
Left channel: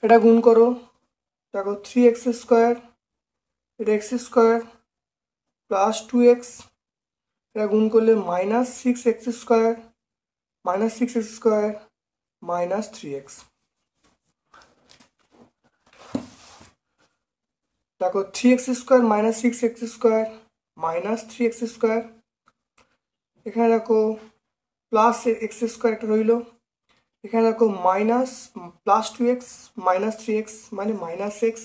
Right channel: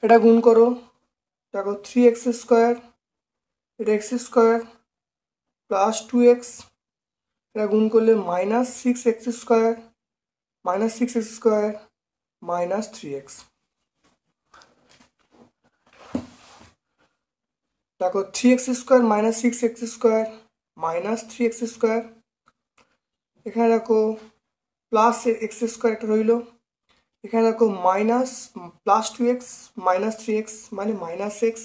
এটা গুণ করো, দেখো 3x², এটা x² প্লাস 2x, এটা গুণ করলে -6x² -3x, দেখো 3x² -6x² -3x², এখানে দেখো প্লাস x² একটা রইল, এখানে দেখো প্লাস 2x -3x মানে -x,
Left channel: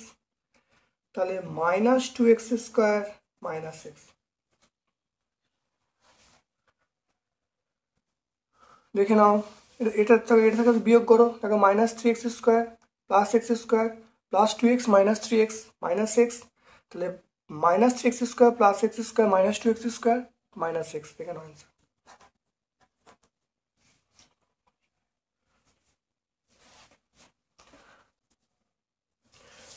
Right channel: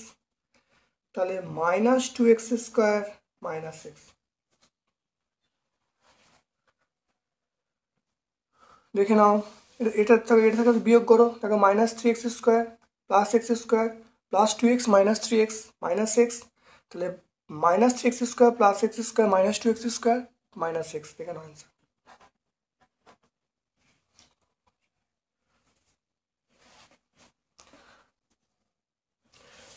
তাহলে -2x² -x, দেখে নাও এটা থেকে বিয়োগ করো, দেখো -3x² plus x² plus 2x -3x -x, তাহলে -3x² plus x² -2x² -x, দেখে নাও অ্যান্সার।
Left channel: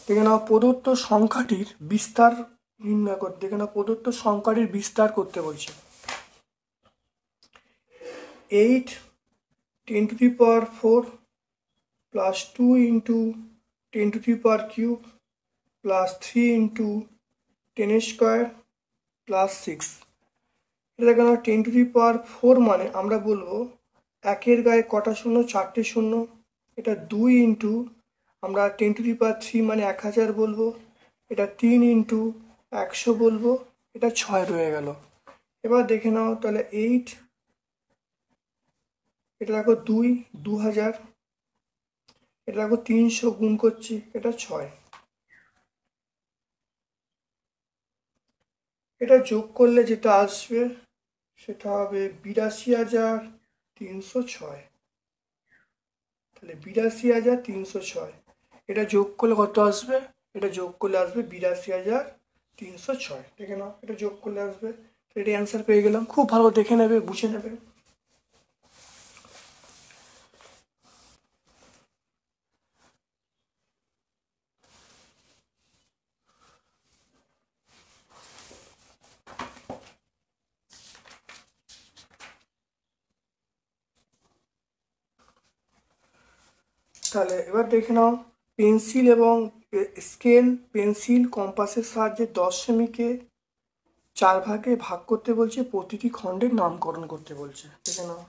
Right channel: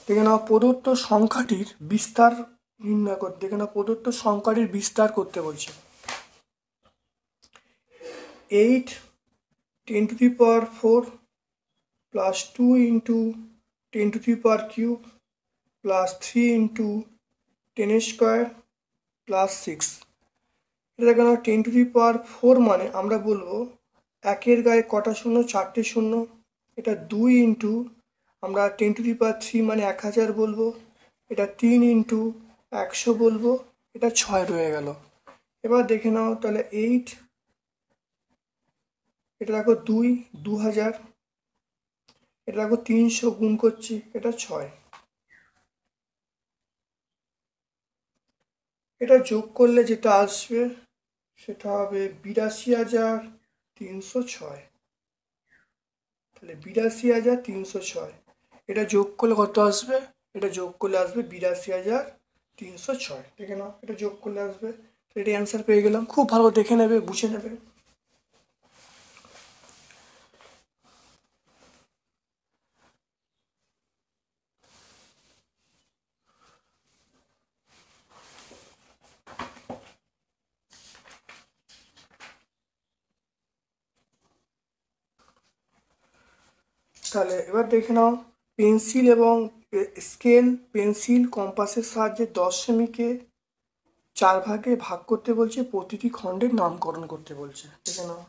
দেখে নাও প্রদত্ত সংখ্যাটির বিস্তার নির্ণয় করতে, দেখে নাও প্রদত্ত সংখ্যাটির বিস্তার করতে বলছি। 8 10⁴ plus 2 into 10³ plus 3 into 10² plus 6, এটা কেন 10⁴ মানে আমরা বলবো একের গায়ে কটা শূন্য, 4টে শূন্য, এটা 2 ইন্টু আমরা 10⁵ মানে 1000 বলবো, এটা 3 ইন্টু 100 বলবো, এটা 6 রয়ে গেল। এবার দেখে নাও তাহলে 8, এটা দেখো 2 2000, এটা দেখো 300 গুণ করছি, এটা 6, এটা যোগ করলে যেটা আসবে সেটা হবে 82,306, তাহলে 82,306, এটা যোগ করলে কত আসবে, এটা যোগ করলে আসবে 82,306, দেখে নাও এটা যোগ করলে আসবে, এটা অ্যান্সার পেয়ে গেলাম। খুব ভালো দেখে নেবে, বুঝে নেবে। তাহলে এবার দেখে নাও পেন্সিল এবং স্কেল, পেন্সিল কম্পাসের সাহায্যে 10 সেমিকে 4 ভাগে ভাগ করতে বলছে, প্রতিটি খণ্ডের নামকরণ করতে বলছে, দেখে নাও।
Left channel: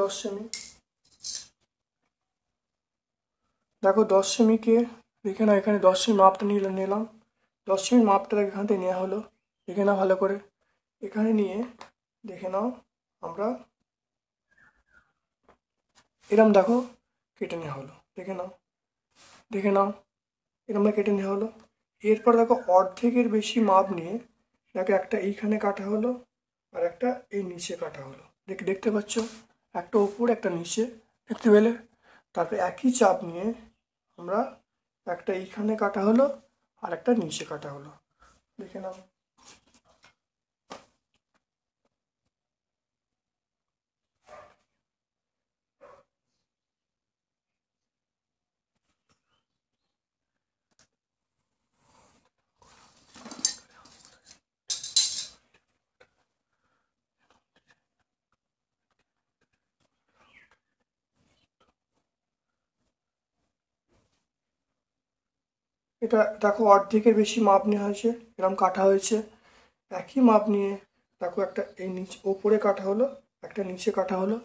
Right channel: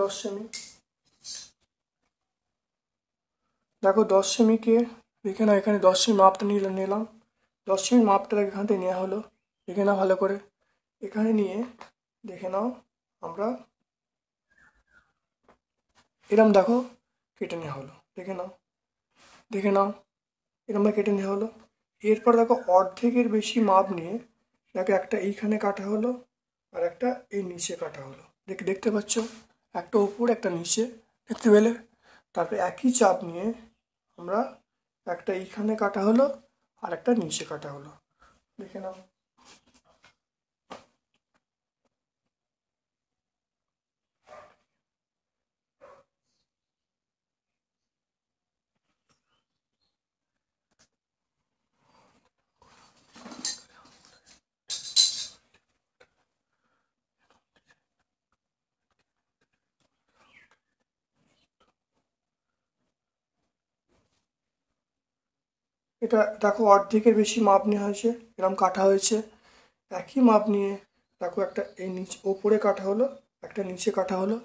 10 সেমি। দেখো 10 সেমিকে দেখে নাও, এখানে 10 সেমি মাপটা নিলাম, 10 সেমি মাপটা এখান থেকে নেওয়া হলো। দেখে নাও ভালো করে, এখানে নিয়ে দেখে নাও আমরা এরম দেখো কেটে নেওয়া হলো। দেখে নাও এরম কেটে নেওয়া হলো। এরপর দেখো অর্ধেকের বেশি মাপ নিয়ে দেখো একটা এইখানে কাটা হলো আর একটা এই নিচে কাটা হলো। দেখতে পাচ্ছ, একটা উপরে একটা নিচে, দেখতে পেলে? তারপরে একই চাপ নিয়ে আমরা একটা এইখানে কাটা হলো আর একটা নিচে কাটা হলো। দেখে নাও। এটা দেখো অর্ধেকের বেশি মাপ নেওয়া হয়েছে, এরকম কাটা হয়েছে। একই মাপ নিয়ে দেখো একটা এই নিচে ওপরে কাটা হলো, একটা নিচে কাটা হলো।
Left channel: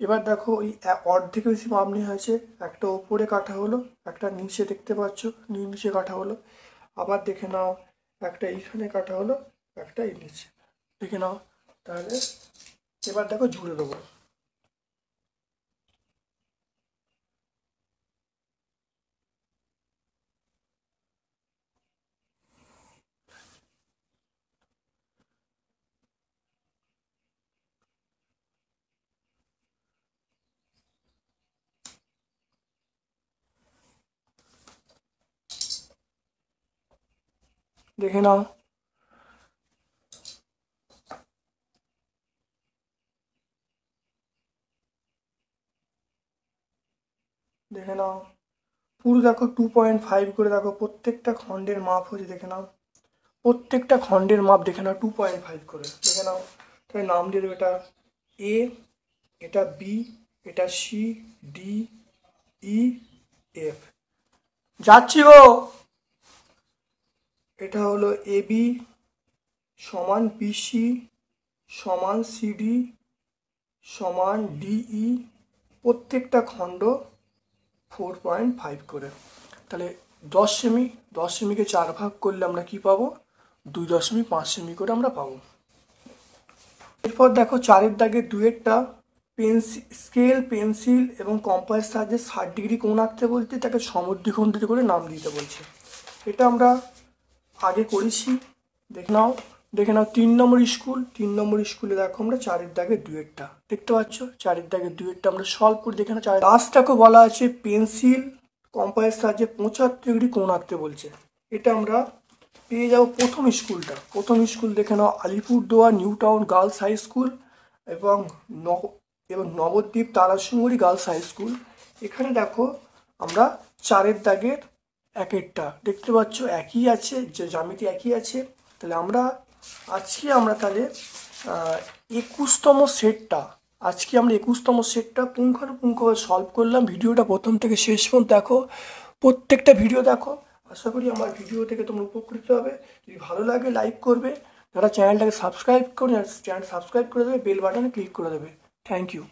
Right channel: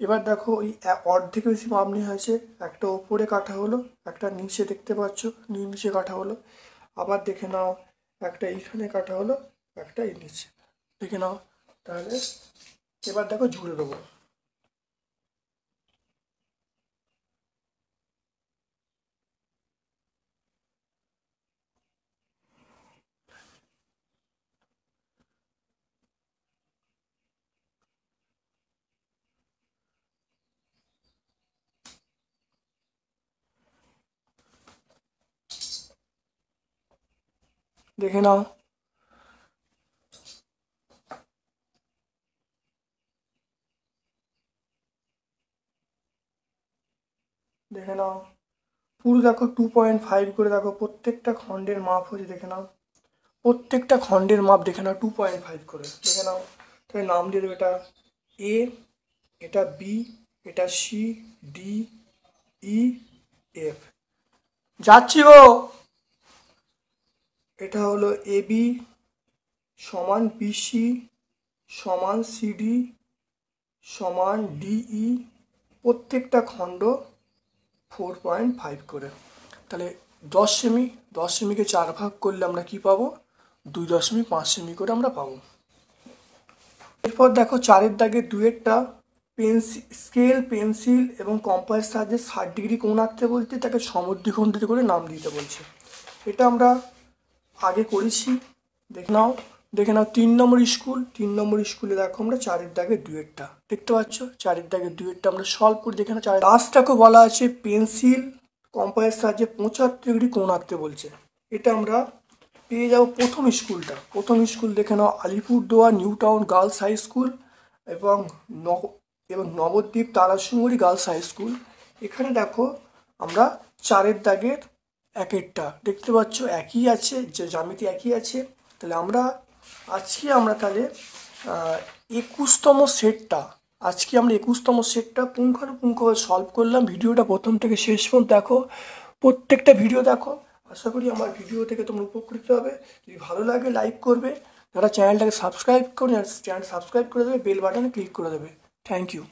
এবার দেখো ওই অর্ধেকের বেশি মাপ নেওয়া হয়েছে, একটা ওপরে কাটা হলো, একটা নিচে, দেখতে পাচ্ছ নিচে কাটা হলো। আবার দেখে নাও একটা এইখানে কাটা হলো, একটা এই নিচে, দেখে নাও। তাহলে এবার দেখো জুড়ে দেবো। দেখে নাও, দেখে নাও পুরো দেখো 2.5 করে দেখো প্রত্যেকটা খণ্ডের মাপ হয়েছে। দেখে নাও প্রত্যেকটা খণ্ডের মাপ, দেখে নাও 2.5 করে। দেখে নাও, তাই নাম দিয়ে দেবে, এটা এ, এটা বি, এটা সি, ডি, ই, এফ। যাচ্ছি গো। এটা হলো এ বি সমান বিসি সমান সিডি সমান ডিই, প্রত্যেকটা খণ্ড 4.5 করে। তাহলে 10 সেমি, 10 সেমিকে 4 ভাগ করলে আমরা কি পাবো? 2.5 সেমি করে আমরা পাবো। এরপর দেখো 4-এর দাগের 2-এরটা স্কেল, পেন্সিল এবং কম্পাসের সাহায্যে 60 ডিগ্রি কোণ আঁকতে বলতে, তাকে সমদ্বিখণ্ডিত করে নাম দিতে বলছে। এটা আমরা আগে করেছি। দেখে নাও 3 নম্বর স্কুল, 3 নম্বর স্কুলে দেখো আমরা 4-এর দাগের 2-এরটা দেখতে পাচ্ছ। 4-এর দাগের 2-এরটা আমরা সলভ করে দেখে নাও। লাস্টটাকে বলা আছে পেন্সিল কম্পাসের সাহায্যে 75 ডিগ্রি কোণ আঁকতে বলছে। এটা আমরা পেয়ে যাবো প্রথম স্কুলটা। প্রথম স্কুল দেখে নাও Alipurduar new town girls high school এবং Nabadwip Tarasundari girls high school. এখানে দেখো আমরা 4-এর দাগের 1-এরটা দেখতে পাচ্ছ, একই আছে, যে জ্যামিতি একই আছে। তাহলে আমরা তাহলে 21তম সেটটা পুঙ্খানুপুঙ্খভাবে সলভ করলাম। ভিডিওটা প্রথম থেকে শেষ পর্যন্ত দেখো, প্রত্যেকটা ভিডিও দেখো। আশা করি আমার ভিডিও থেকে তোমরা উপকৃত হবে। যদি ভালো লাগে লাইক করবে, যারা চ্যানেলটাকে সাবস্ক্রাইব করে দেবে, বেল বাটনে ক্লিক করে দেবে। Thank you.